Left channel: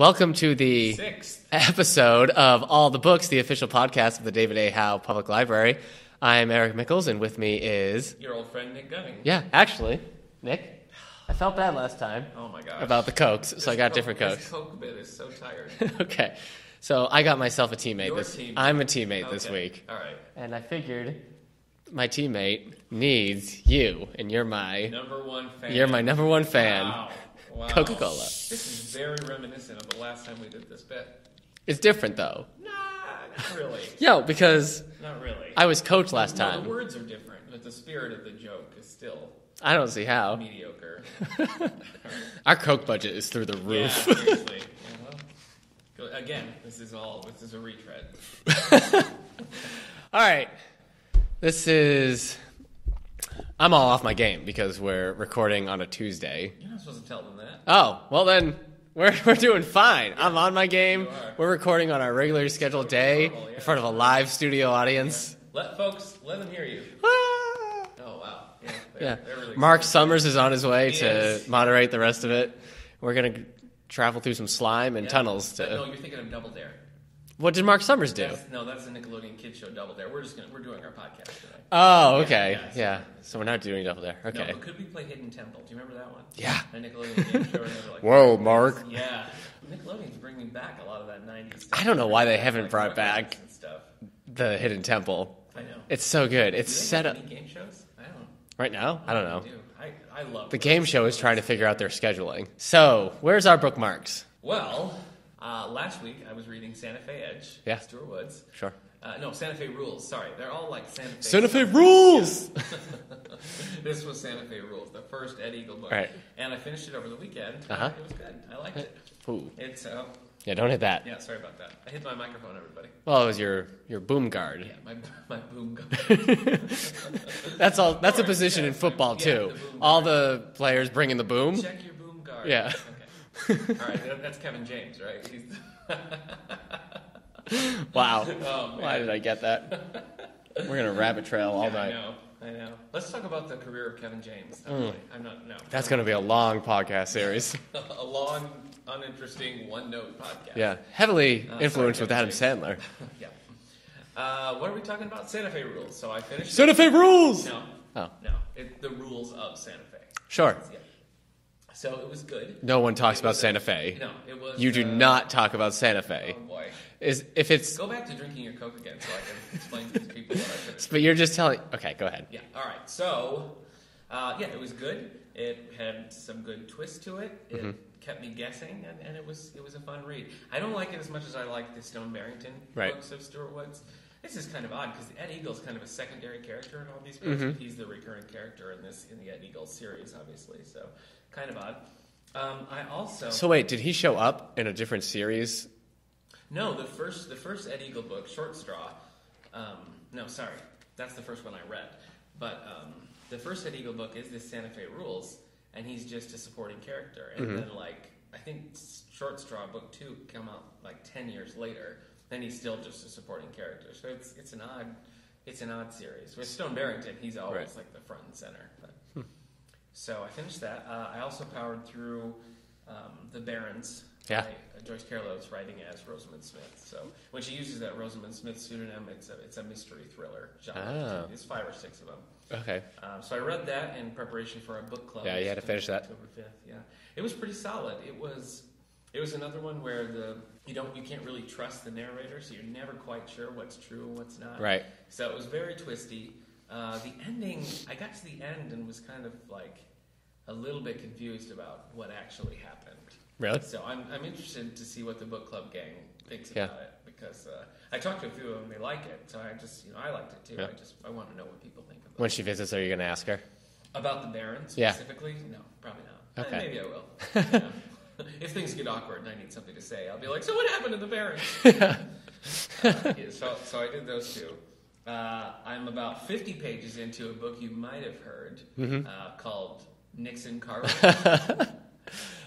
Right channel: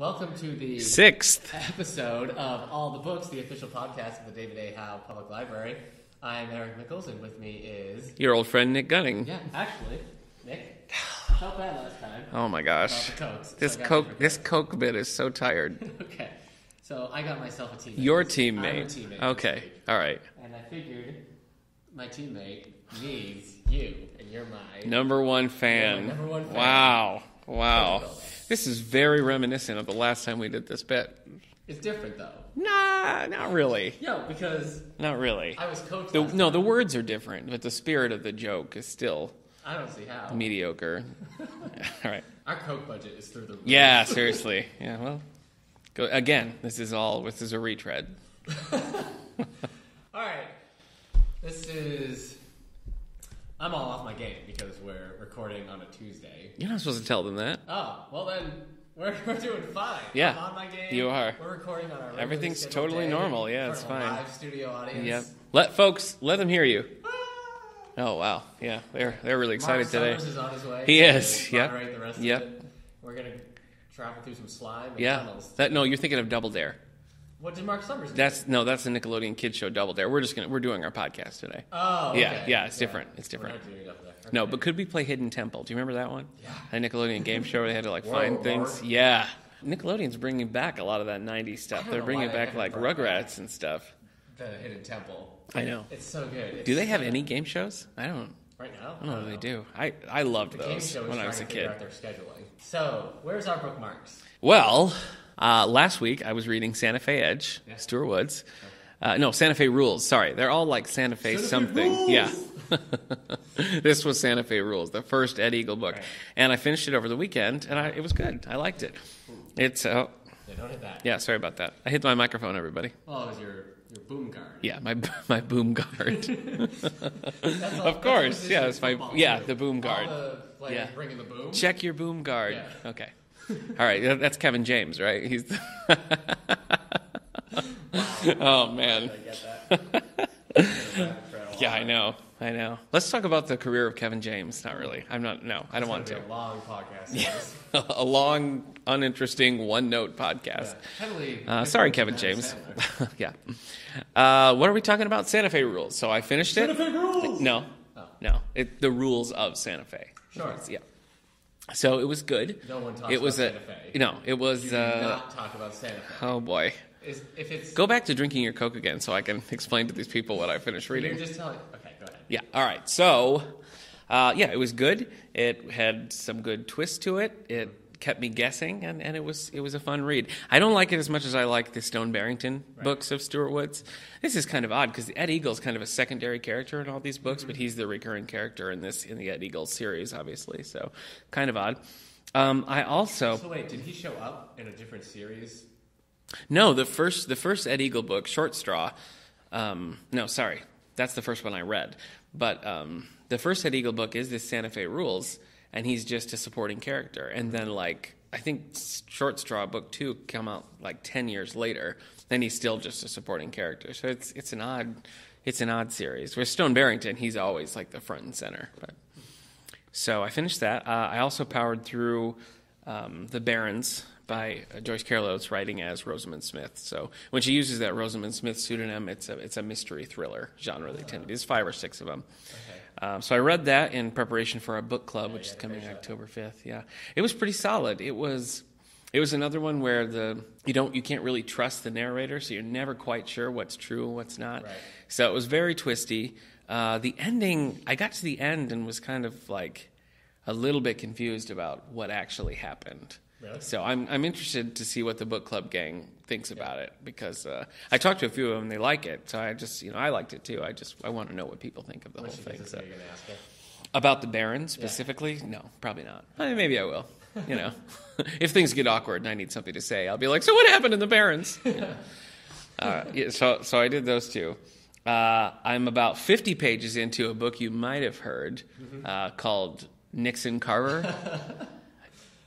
Welcome to the 6th episode of All the Books, the official podcast of the David A. Howe Public Library. I'm Eric Mickles, and with me is... your old friend Nick Gunning. Yeah, actually, Nick, I felt bad last time. Oh my gosh. About the Cokes, so I got different Cokes. This Coke bit is so tired. Okay, so I got myself a teammate. Your teammate. I'm a teammate this week. All right. And I figured my teammate needs you, and you're my... number one fan. You're my number one fan. Wow. Coca-Cola. This is very reminiscent of the last time we did this bit. It's different, though. Nah, not really. Yo, because... Not really. I was coach last time. No, the words are different, but the spirit of the joke is still... I don't see how. Mediocre. All right. Our Coke budget is through the roof. Yeah, seriously. Yeah, well... Again, this is a retread. All right. This is... I'm all off my game because we're recording on a Tuesday. You're not supposed to tell them that. Oh, well then, we're doing fine. Yeah, I'm on my game. you are. We're recording on our regularly scheduled totally day normal. Yeah, in front of a fine. live studio audience. Yep. Let them hear you. Oh, wow. Yeah, they're really excited Mark today. Summers is on his way He to is. moderate the rest of Yep. it. We're going to travel through some slime and tunnels. No, you're thinking of Double Dare. What did Mark Summers do? That's the Nickelodeon kids show Double Dare. We're doing our podcast today. Oh, okay. Yeah, it's different. So we're not doing Double Dare. Okay. No, but could we play Hidden Temple? Do you remember that one? Yeah. A Nickelodeon game show where they had to Whoa, find Mark. things. Yeah. Nickelodeon's bringing back a lot of that 90s stuff. I don't know They're why bringing they haven't brought Rugrats back and stuff. The Hidden Temple. I know. It's so good. Do they have any game shows? I don't. Right now? I don't know. They do. I love The those game show is when I trying was to a figure kid. out their scheduling. So, where's our bookmarks? Well, last week I was reading Santa Fe Edge, Yeah. Stuart Woods. Sure. No, Santa Fe Rules. Sorry, they're all like Santa Fe. Santa Fe something. Rules! Yeah. This was Santa Fe Rules, the first Ed Eagle book, Right. and I finished it over the weekend. It was good. I liked it. Ooh. It's Yeah, don't hit that. yeah. Sorry about that. I hit my microphone, everybody. Well, it was your boom guard. Yeah, my boom guard. That's all. That's a course. position Yeah, in it's my- football yeah, too. the boom All guard. the players bring in the boom. Check your boom guard. Yeah. Okay. All right. That's Kevin James, right? He's. Wow. Oh Why man. did I get that? We're gonna rabbit trail all Yeah, night. I know. Let's talk about the career of Kevin James. Not really. I'm not. No. That's gonna be a long podcast series. a long, uninteresting, one-note podcast. Yeah, heavily Sorry, influenced Kevin with Adam James. Sandler. Yeah. What are we talking about? Santa Fe Rules. So I finished Santa it. Fe rules. No. Oh. No. The rules of Santa Fe. Sure. Yeah. So it was good. No one talks It about was Santa Fe. No, it was. You do not talk about Santa Fe. Oh boy. If it's Go back to drinking your Coke again, so I can explain to these people what I finished but reading. you're just telling. Okay, go ahead. Yeah. All right. So, it was good. It had some good twists to it. It kept me guessing, and it was a fun read. I don't like it as much as I like the Stone Barrington books of Stuart Woods. This is kind of odd because Ed Eagle's kind of a secondary character in all these books, but he's the recurring character in the Ed Eagle series, obviously. So, kind of odd. I also So wait, did he show up in a different series? No, the first Ed Eagle book, Short Straw. No, sorry, that's the first one I read. But the first Ed Eagle book is this Santa Fe Rules, and he's just a supporting character. And then I think Short Straw book 2 come out 10 years later, and he's still just a supporting character. So it's an odd series. With Stone Barrington, he's always the front and center. But. So I finished that. I also powered through The Barons by Joyce Carol Oates, writing as Rosamund Smith. So when she uses that Rosamund Smith pseudonym, it's a mystery thriller genre. There's 5 or 6 of them. Okay. So I read that in preparation for our book club, Yeah, which you is had to coming finish that. October 5th. Yeah, it was pretty solid. It was another one where you can't really trust the narrator, so you're never quite sure what's true and what's not. Right. So it was very twisty. The ending, I got to the end and was kind of a little bit confused about what actually happened. Really? So I'm interested to see what the book club gang thinks about it, because I talked to a few of them, they like it. So I just, I liked it too. Yeah. I want to know what people think of it. When she visits, are you going to ask her? About the Baron specifically? No, probably not. Okay. Maybe I will. If things get awkward and I need something to say, I'll be like, so what happened in the Barons? So I did those two. I'm about 50 pages into a book you might have heard called Nixon Carver.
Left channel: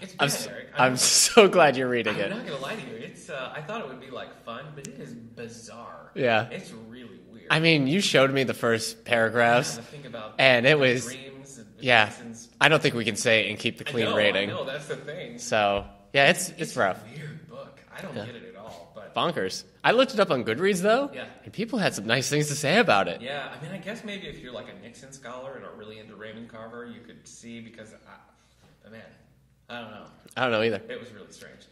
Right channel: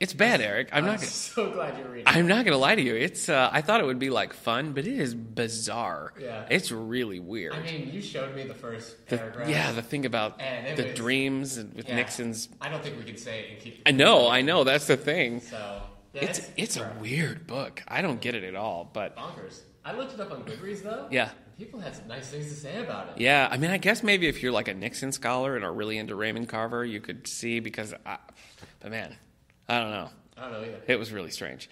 It's bad, Eric. I'm so glad you're reading it. I'm not going to lie to you. It's I thought it would be fun, but it is bizarre. Yeah. It's really weird. I mean, you showed me the first paragraphs. Yeah, the thing about and it the was dreams with yeah. Nixon's. I don't think we can say it and keep the clean I rating. know. That's the thing. So Yeah, it's a rough. weird book. I don't get it at all, but Bonkers. I looked it up on Goodreads, though. Yeah. And people had some nice things to say about it. yeah, I mean, I guess maybe if you're like a Nixon scholar and are really into Raymond Carver, you could see but man, I don't know. I don't know either. It was really strange.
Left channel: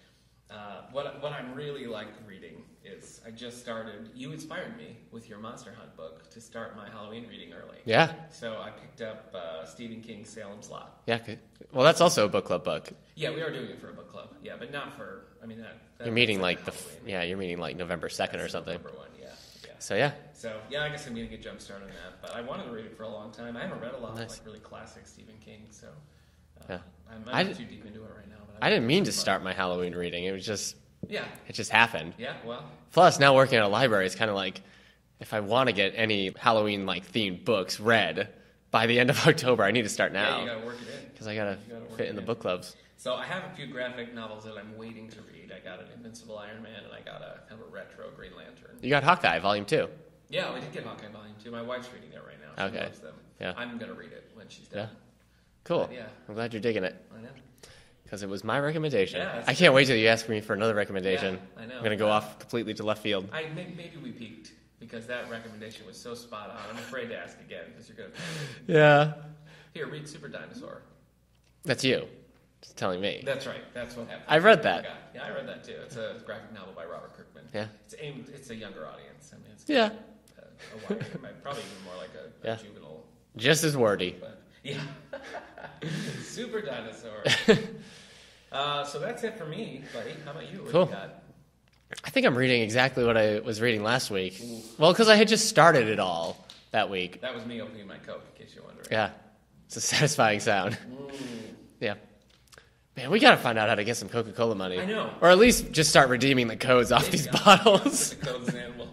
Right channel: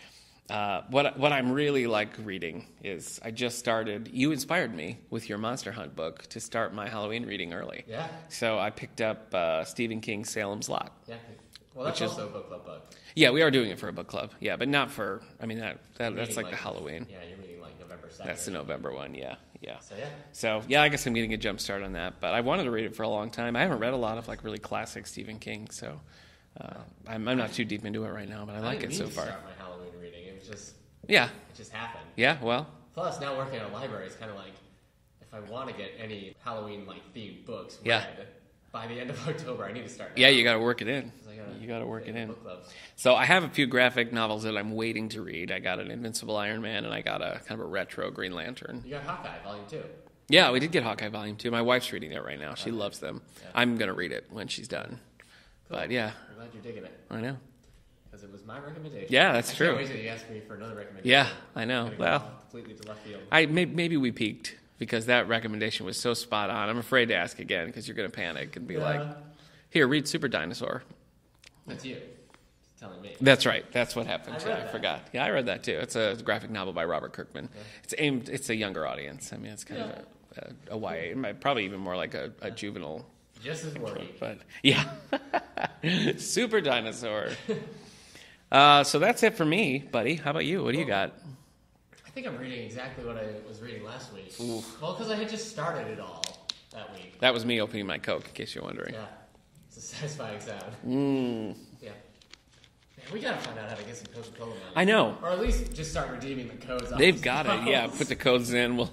What I'm really like reading is I just started. You inspired me with your Monster Hunt book to start my Halloween reading early. Yeah. So I picked up Stephen King's Salem's Lot. Yeah. Good. Well, that's also a book club book. Yeah, we are doing it for a book club. Yeah, but not for. I mean You're meeting that's like Halloween. Yeah, you're meeting like November 2nd That's or the something. November one. Yeah. So I guess I'm getting a jump start on that. But I wanted to read it for a long time. I haven't read a lot of like really classic Stephen King, so I'm not too deep into it right now. But I didn't mean to start my Halloween reading. It was just Yeah. it just happened. Yeah. Well. Plus, now working at a library, it's kind of like if I want to get any Halloween like themed books read by the end of October, I need to start now. Yeah, you got to work it in. Because I gotta work fit it in the in. book clubs. So I have a few graphic novels that I'm waiting to read. I got an Invincible Iron Man, and I got a kind of a retro Green Lantern. You got Hawkeye Volume 2. Yeah, we did get Hawkeye Volume 2. My wife's reading it right now. She Okay. loves them. Yeah. I'm going to read it when she's done. Cool. But, yeah. I'm glad you're digging it. I know. Because it was my recommendation. Yeah, that's I true. can't wait till you ask me for another recommendation. Yeah, I know. I'm going to go Well, off completely to left field. Maybe we peaked because that recommendation was so spot on. I'm afraid to ask again because you're going to panic. And be Yeah. like, here, read Super Dinosaur. That's you. Just telling me. That's right. That's what happened. I read that. Forgot. Yeah, I read that too. It's a graphic novel by Robert Kirkman. Yeah. It's a younger audience. I mean, it's kind of a YA, probably even more like a juvenile. Just as wordy. But yeah, Super Dinosaur. So that's it for me, buddy. How about you? What do you got? I think I'm reading exactly what I was reading last week. Ooh. Well, because I had just started it all that week. That was me opening my Coke, in case you're wondering. Yeah. It's a satisfying sound. Yeah. Man, we got to find out how to get some Coca-Cola money. I know. Or at least just start redeeming the codes off these got bottles. Yeah, put the codes in.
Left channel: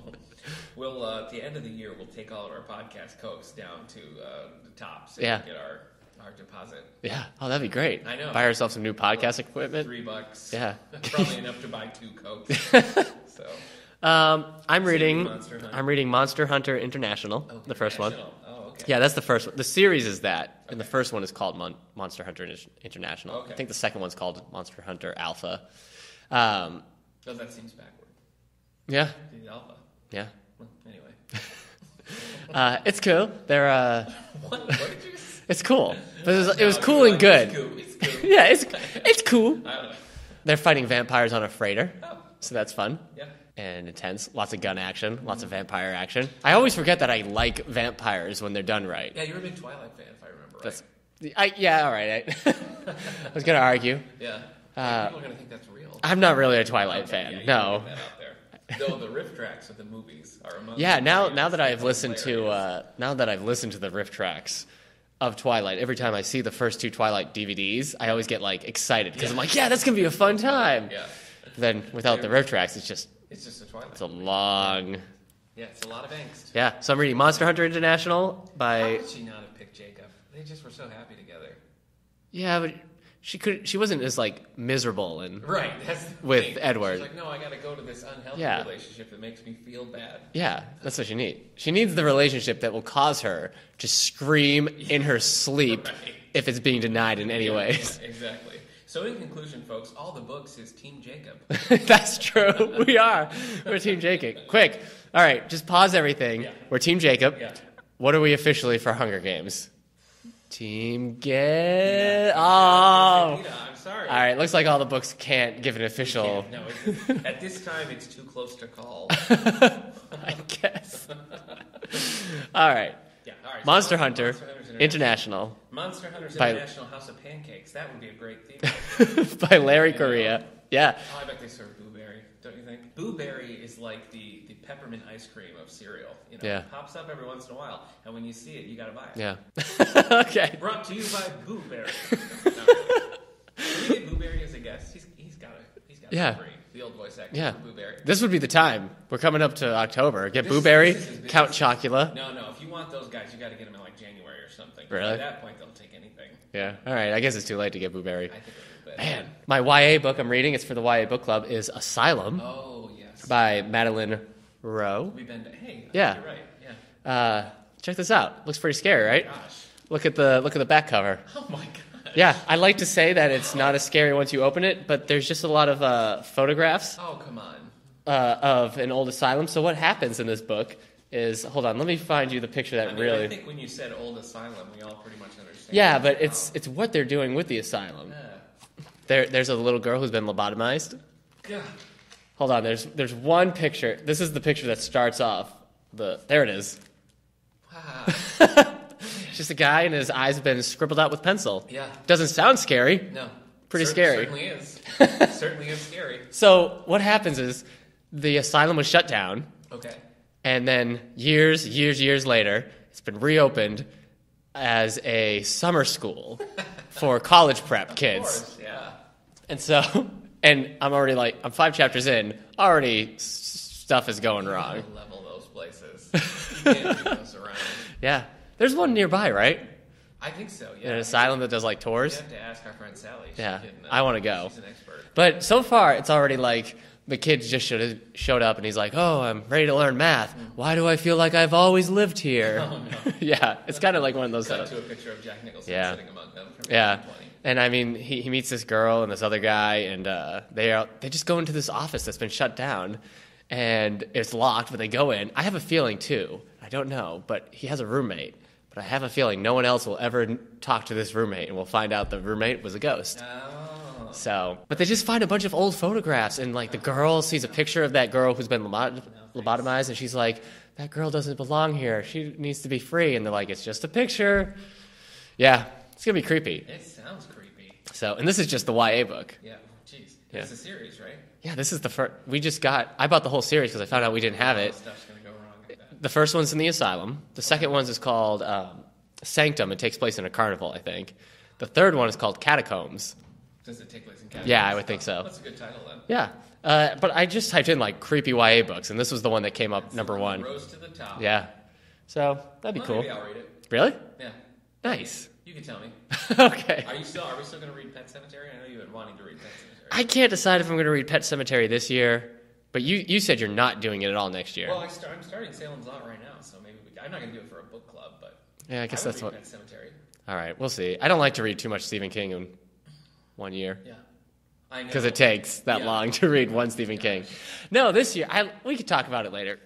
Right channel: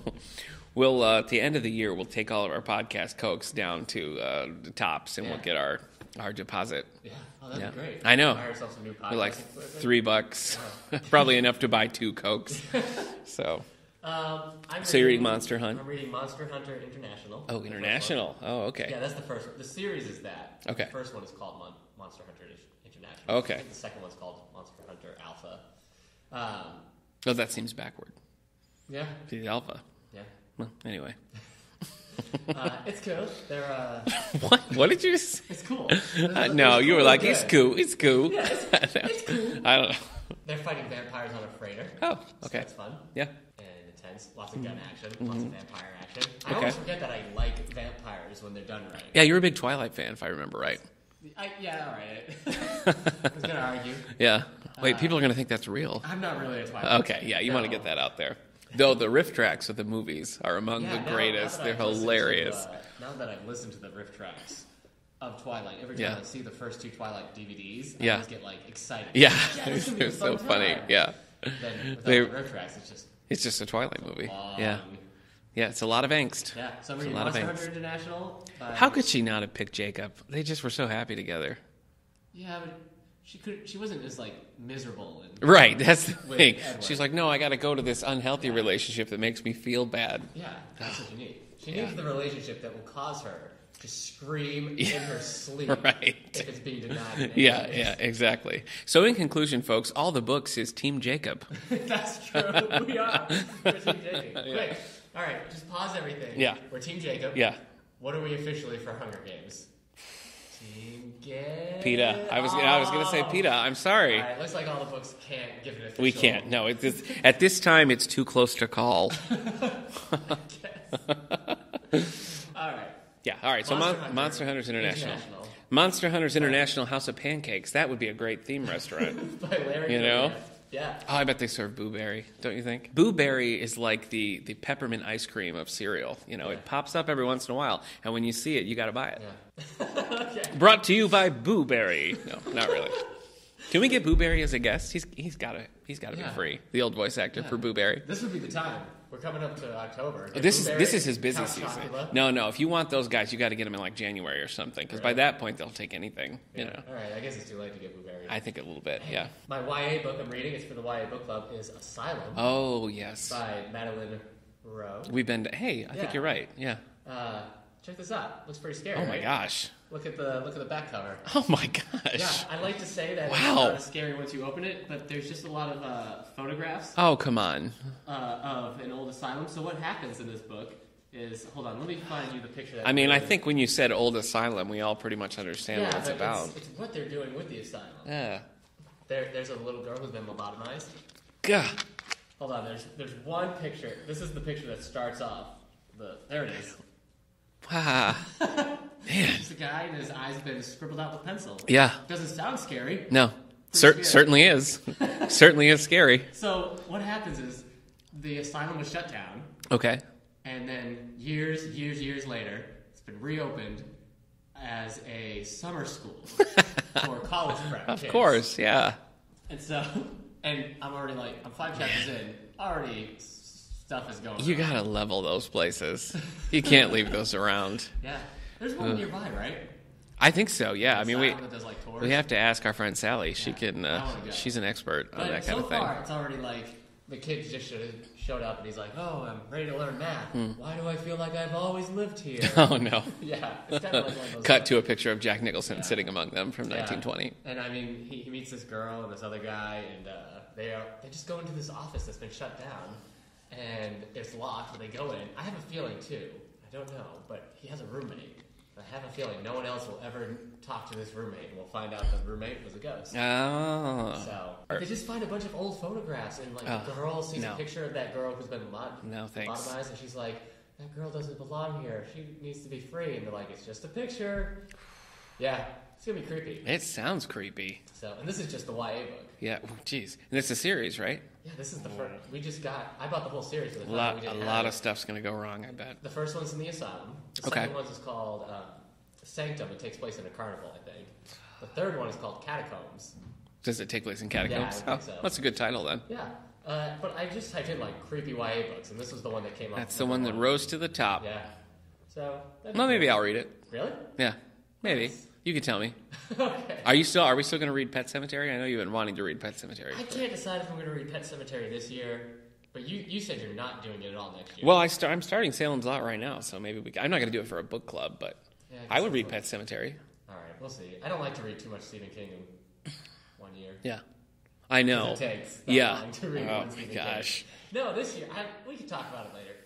We'll at the end of the year, we'll take all of our podcast Cokes down to the tops, and we'll get our deposit. Yeah. Oh, that'd be great. I know. Buy ourselves some new podcast like equipment. $3. Yeah. Probably enough to buy 2 Cokes. So. I'm reading Monster Hunt. I'm reading Monster Hunter International. Oh, the first one. Oh, okay. Yeah, that's the first one. The series is that. And Okay. the first one is called Monster Hunter International. Okay. I think the second one's called Monster Hunter Alpha. Oh, that seems backward. Yeah. The Alpha. Yeah. Well, anyway. It's cool. They're What did you say? It's cool. It No, was you cool were and like, good. It's cool. It's cool. Yeah, it's cool. I don't know. They're fighting vampires on a freighter. Oh, So that's fun. Yeah. And intense. Lots of gun action. Lots of vampire action. I always forget that I like vampires when they're done right. Yeah, you're a big Twilight fan, if I remember right. Yeah, all right. I was going to argue. Yeah. Wait, people are going to think that's real. I'm not really a Twilight Okay, fan. yeah, you no. want to get that out there. Though the riff tracks of the movies are among Yeah, the now greatest. that I've They're listened hilarious. to now that I've listened to the riff tracks of Twilight, every time I see the first 2 Twilight DVDs, I always get like excited. Yeah. I'm like, yeah, that's gonna be a It's fun so funny. time. Yeah. Then without the riff tracks, it's just a Twilight a movie. long. Yeah, it's a lot of angst. Yeah. So I'm reading A lot of Monster angst. Hunter International by. How could she not have picked Jacob? They just were so happy together. Yeah, but she wasn't as like miserable and Right, that's the with thing. Edward. She's like, no, I got to go to this unhealthy Yeah. relationship that makes me feel bad. Yeah, that's what she needs. She needs the relationship that will cause her to scream in her sleep Right. if it's being denied in any way. Yeah, exactly. So in conclusion, folks, all the books is Team Jacob. That's true. We are. We're Team Jacob. Quick. All right, just pause everything. Yeah. We're Team Jacob. Yeah. What are we officially for Hunger Games? Team Get. PETA. I was going to say PETA. I'm sorry. All right, looks like all the books can't give an We official. can't. No, at this time, it's too close to call. I guess. All right. Yeah, all right. Monster Hunter Monster Hunters International. Monster Hunters By- International House of Pancakes. That would be a great theme restaurant. by Larry You know? Correa. Yeah. Oh, I bet they serve Boo Berry, don't you think? Boo Berry is like the peppermint ice cream of cereal. You know, Yeah. it pops up every once in a while, and when you see it, you got to buy it. Yeah. Okay. Brought to you by Boo Berry. No, not really. Can we get Boo Berry as a guest? He's got to Yeah. be free. The old voice actor Yeah. for Boo Berry. This would be the time. We're coming up to October. Get This Boo is- Berry, this is his Count business season. Chocula. No. If you want those guys, you got to get them in like January or something. Because by Really? that point, they'll take anything. Yeah. All right. I guess it's too late to get Boo Berry. I think a little bit. Man. Yeah. My YA book I'm reading, it's for the YA book club, is Asylum Oh yes. by Madeline Rowe. We've been. Hey, I Yeah. think you're right. Yeah. Check this out. Looks pretty scary, right? Gosh. Look at the back cover. Oh my gosh. Yeah, I like to say that it's Wow. not as scary once you open it, but there's just a lot of photographs Oh, come on. of an old asylum. So what happens in this book is, hold on, let me find you the picture that. I mean, really... I think when you said old asylum, we all pretty much understand. Yeah, what but about. it's what they're doing with the asylum. Yeah. There's a little girl who's been lobotomized. Gah. Hold on, there's one picture. This is the picture that starts off. There it is. Wow. Just a guy and his eyes have been scribbled out with pencil. Yeah. Doesn't sound scary. No. Pretty scary. Certainly is. Certainly is scary. So what happens is the asylum was shut down, Okay. and then years later, it's been reopened as a summer school for college prep kids. Of course, yeah. And so, and I'm 5 chapters in, already stuff is going You wrong. gotta level those places. You can't leave those around. Yeah. There's one nearby, right? I think so, yeah. An asylum that does like tours. We have to ask our friend Sally. Yeah. She can. I wanna go. She's an expert. on But that so kind of far, thing. it's already like the kid just showed up and he's like, "Oh, I'm ready to learn math. Why do I feel like I've always lived here?" Oh no. Yeah, it's kind of like one of those. Cut to a picture of Jack Nicholson Yeah. sitting among them from Yeah, 1920. and I mean, he meets this girl and this other guy, and they just go into this office that's been shut down, and it's locked. But they go in. I have a feeling too. I don't know, but he has a roommate. But I have a feeling no one else will ever talk to this roommate, and we'll find out the roommate was a ghost. Oh. So, but they just find a bunch of old photographs, and like the girl sees a picture of that girl who's been thanks. lobotomized, and she's like, "That girl doesn't belong here. She needs to be free." And they're like, "It's just a picture." Yeah, it's gonna be creepy. It sounds creepy. So, and this is just the YA book. Yeah. Jeez. And it's a series, right? Yeah, this is the first. I bought the whole series because I found out we didn't have A lot it. of stuff's gonna go wrong, I bet. The first one's in the asylum. The second one's is called Sanctum. It takes place in a carnival, I think. The third one is called Catacombs. Does it take place in Catacombs? Yeah, I would think so. That's a good title then. Yeah. But I just typed in like creepy YA books, and this was the one that came up That's number the one one. that rose to the top. Yeah. So that'd be Well, cool. maybe I'll read it. Really? Yeah. Maybe. Nice. You can tell me. Okay. Are we still going to read Pet Sematary? I know you've been wanting to read Pet Sematary. I can't decide if I'm going to read Pet Sematary this year, but you said you're not doing it at all next year. Well, I'm starting Salem's Lot right now, so maybe I'm not going to do it for a book club, but Yeah, I guess I would that's read what- Pet Sematary. All right, we'll see. I don't like to read too much Stephen King in 1 year. Yeah. I know. Because it takes that Yeah. long to read Oh, one Stephen King. gosh. No, this year we could talk about it later.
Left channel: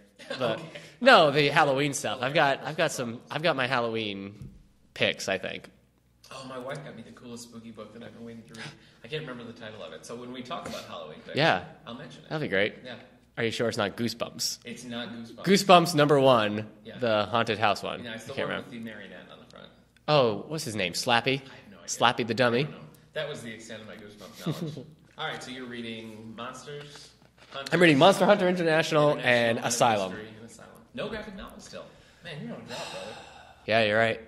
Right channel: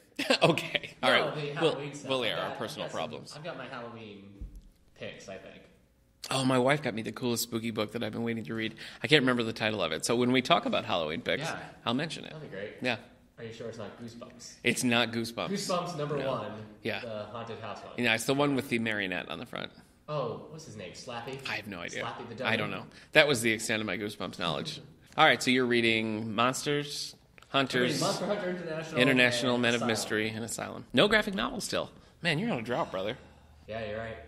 Okay. No, All right. the Halloween stuff. we'll I've air got our I've personal got some problems. I've got my Halloween picks, I think. Oh, my wife got me the coolest spooky book that I've been waiting to read. I can't remember the title of it. So when we talk about Halloween picks, Yeah. I'll mention it. That'd be great. Yeah. Are you sure it's not Goosebumps? It's not Goosebumps. Goosebumps #1, Yeah. the haunted house one. Yeah, it's the Can't one remember. with the marionette on the front. Oh, what's his name? Slappy? I have no idea. Slappy the dummy? I don't know. That was the extent of my Goosebumps knowledge. All right, so you're reading Monsters, Hunters. I'm reading Monster Hunter International Men and of Asylum. Mystery, and Asylum. No graphic novel still. Man, you're on a drop, brother. Yeah, you're right.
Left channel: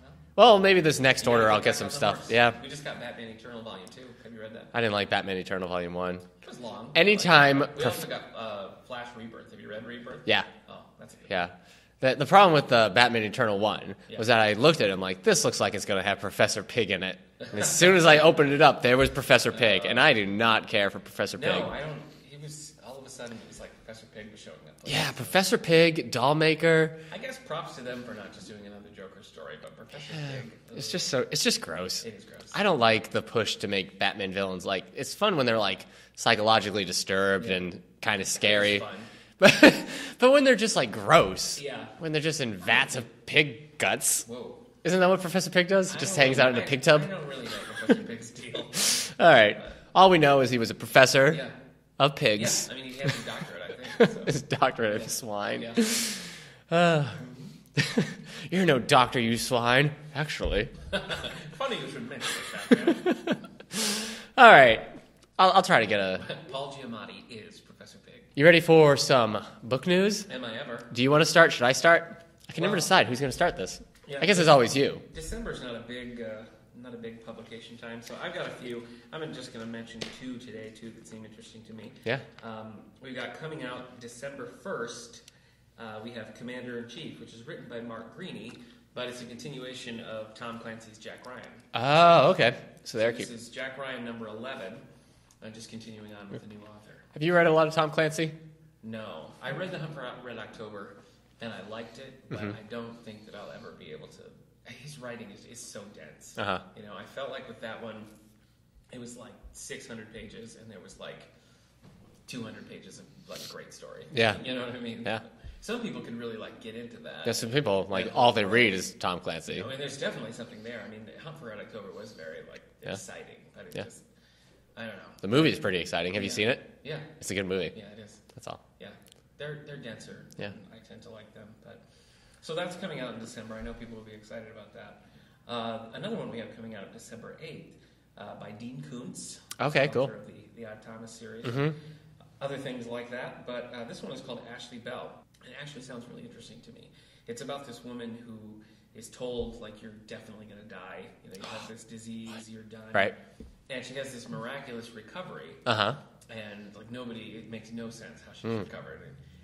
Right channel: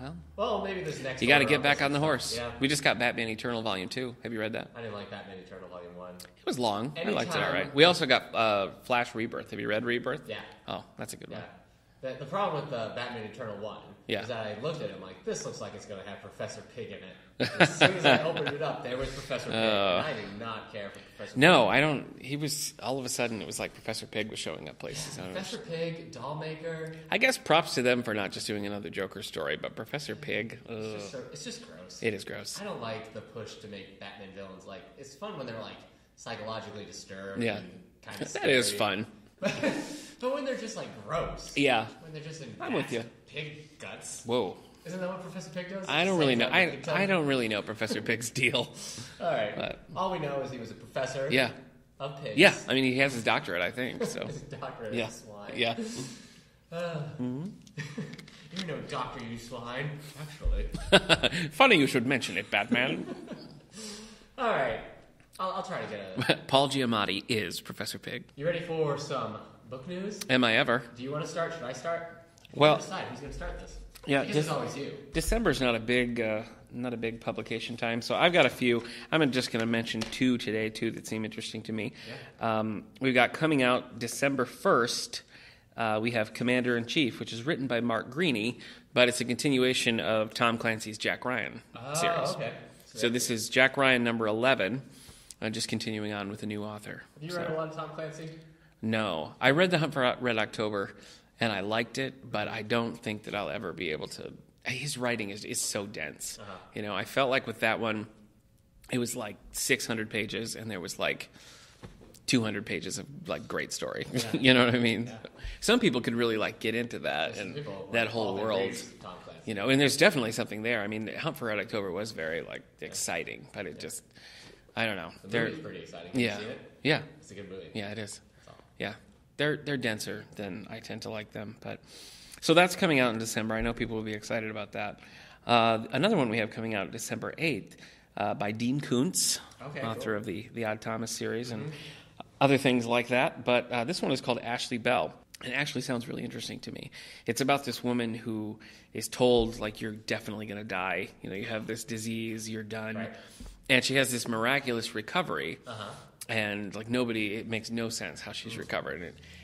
Well, Well, maybe this next you got to order I'll get back some on the stuff. horse. Yeah. We just got Batman Eternal Volume 2. Have you read that? I didn't like Batman Eternal Volume 1. It was long. Anytime- I liked it all right. We also got Flash Rebirth. Have you read Rebirth? Yeah. Oh, that's a good Yeah. one. The problem with the Batman Eternal 1 Yeah. was that I looked at it and like, this looks like it's going to have Professor Pig in it. And as soon as I opened it up, there was Professor Pig, and I do not care for Professor Pig. No, I don't. He was, all of a sudden, it was like Professor Pig was showing up places. Yeah, Professor Pig, Dollmaker. I guess props to them for not just doing another Joker story, but Professor Pig. It's just gross. It is gross. I don't like the push to make Batman villains like, it's fun when they're like psychologically disturbed Yeah. and kind of That scary. is fun. But when they're just like gross. Yeah. When they're just in with vats you. of pig guts. Whoa. Isn't that what Professor Pig does? I Just don't hangs really out know. in a pig tub? I don't really know Professor Pig's deal. All right. All we know is he was a professor Yeah. of pigs. Yeah. I mean, he has his doctorate, I think. So. His doctorate Yeah. of swine. Yeah. You're no doctor, you swine. Actually. Funny you should mention it, Batman. All right. I'll try to get a... Paul Giamatti is Professor Pig. You ready for some book news? Am I ever? Do you want to start? Should I start? I can Well- never decide who's going to start this. Yeah, I guess it's always you. December's not a big publication time, so I've got a few. I'm just going to mention two today, that seem interesting to me. Yeah. We've got coming out December 1st, we have Commander-in-Chief, which is written by Mark Greaney, but it's a continuation of Tom Clancy's Jack Ryan. Oh, series. okay. So this is Jack Ryan number 11, just continuing on with a new author. Have you read a lot of Tom Clancy? No. I read The Hunt for Red October, and I liked it, but I don't think that I'll ever be able to his writing is so dense. Uh-huh. You know, I felt like with that one, it was like 600 pages, and there was like 200 pages of like great story. Yeah. You know what I mean? Yeah. Some people could really like get into that. Yeah, some and people, like, that whole all they world, read is Tom Clancy. you know, and there's definitely something there. I mean, Hunt for Red October was very like exciting, but it just, I don't know. The movie is pretty exciting. Have you Yeah. seen it? Yeah. It's a good movie. Yeah, it is. That's all. Yeah, they're denser than I tend to like them, but so that's coming out in December. I know people will be excited about that. Another one we have coming out December 8th by Dean Koontz, Okay, author cool. of the Odd Thomas series and other things like that. But this one is called Ashley Bell. It actually sounds really interesting to me. It's about this woman who is told, like, you're definitely going to die. You know, you have this disease, you're done. Right. And she has this miraculous recovery. Uh-huh. And, like, it makes no sense how she's recovered.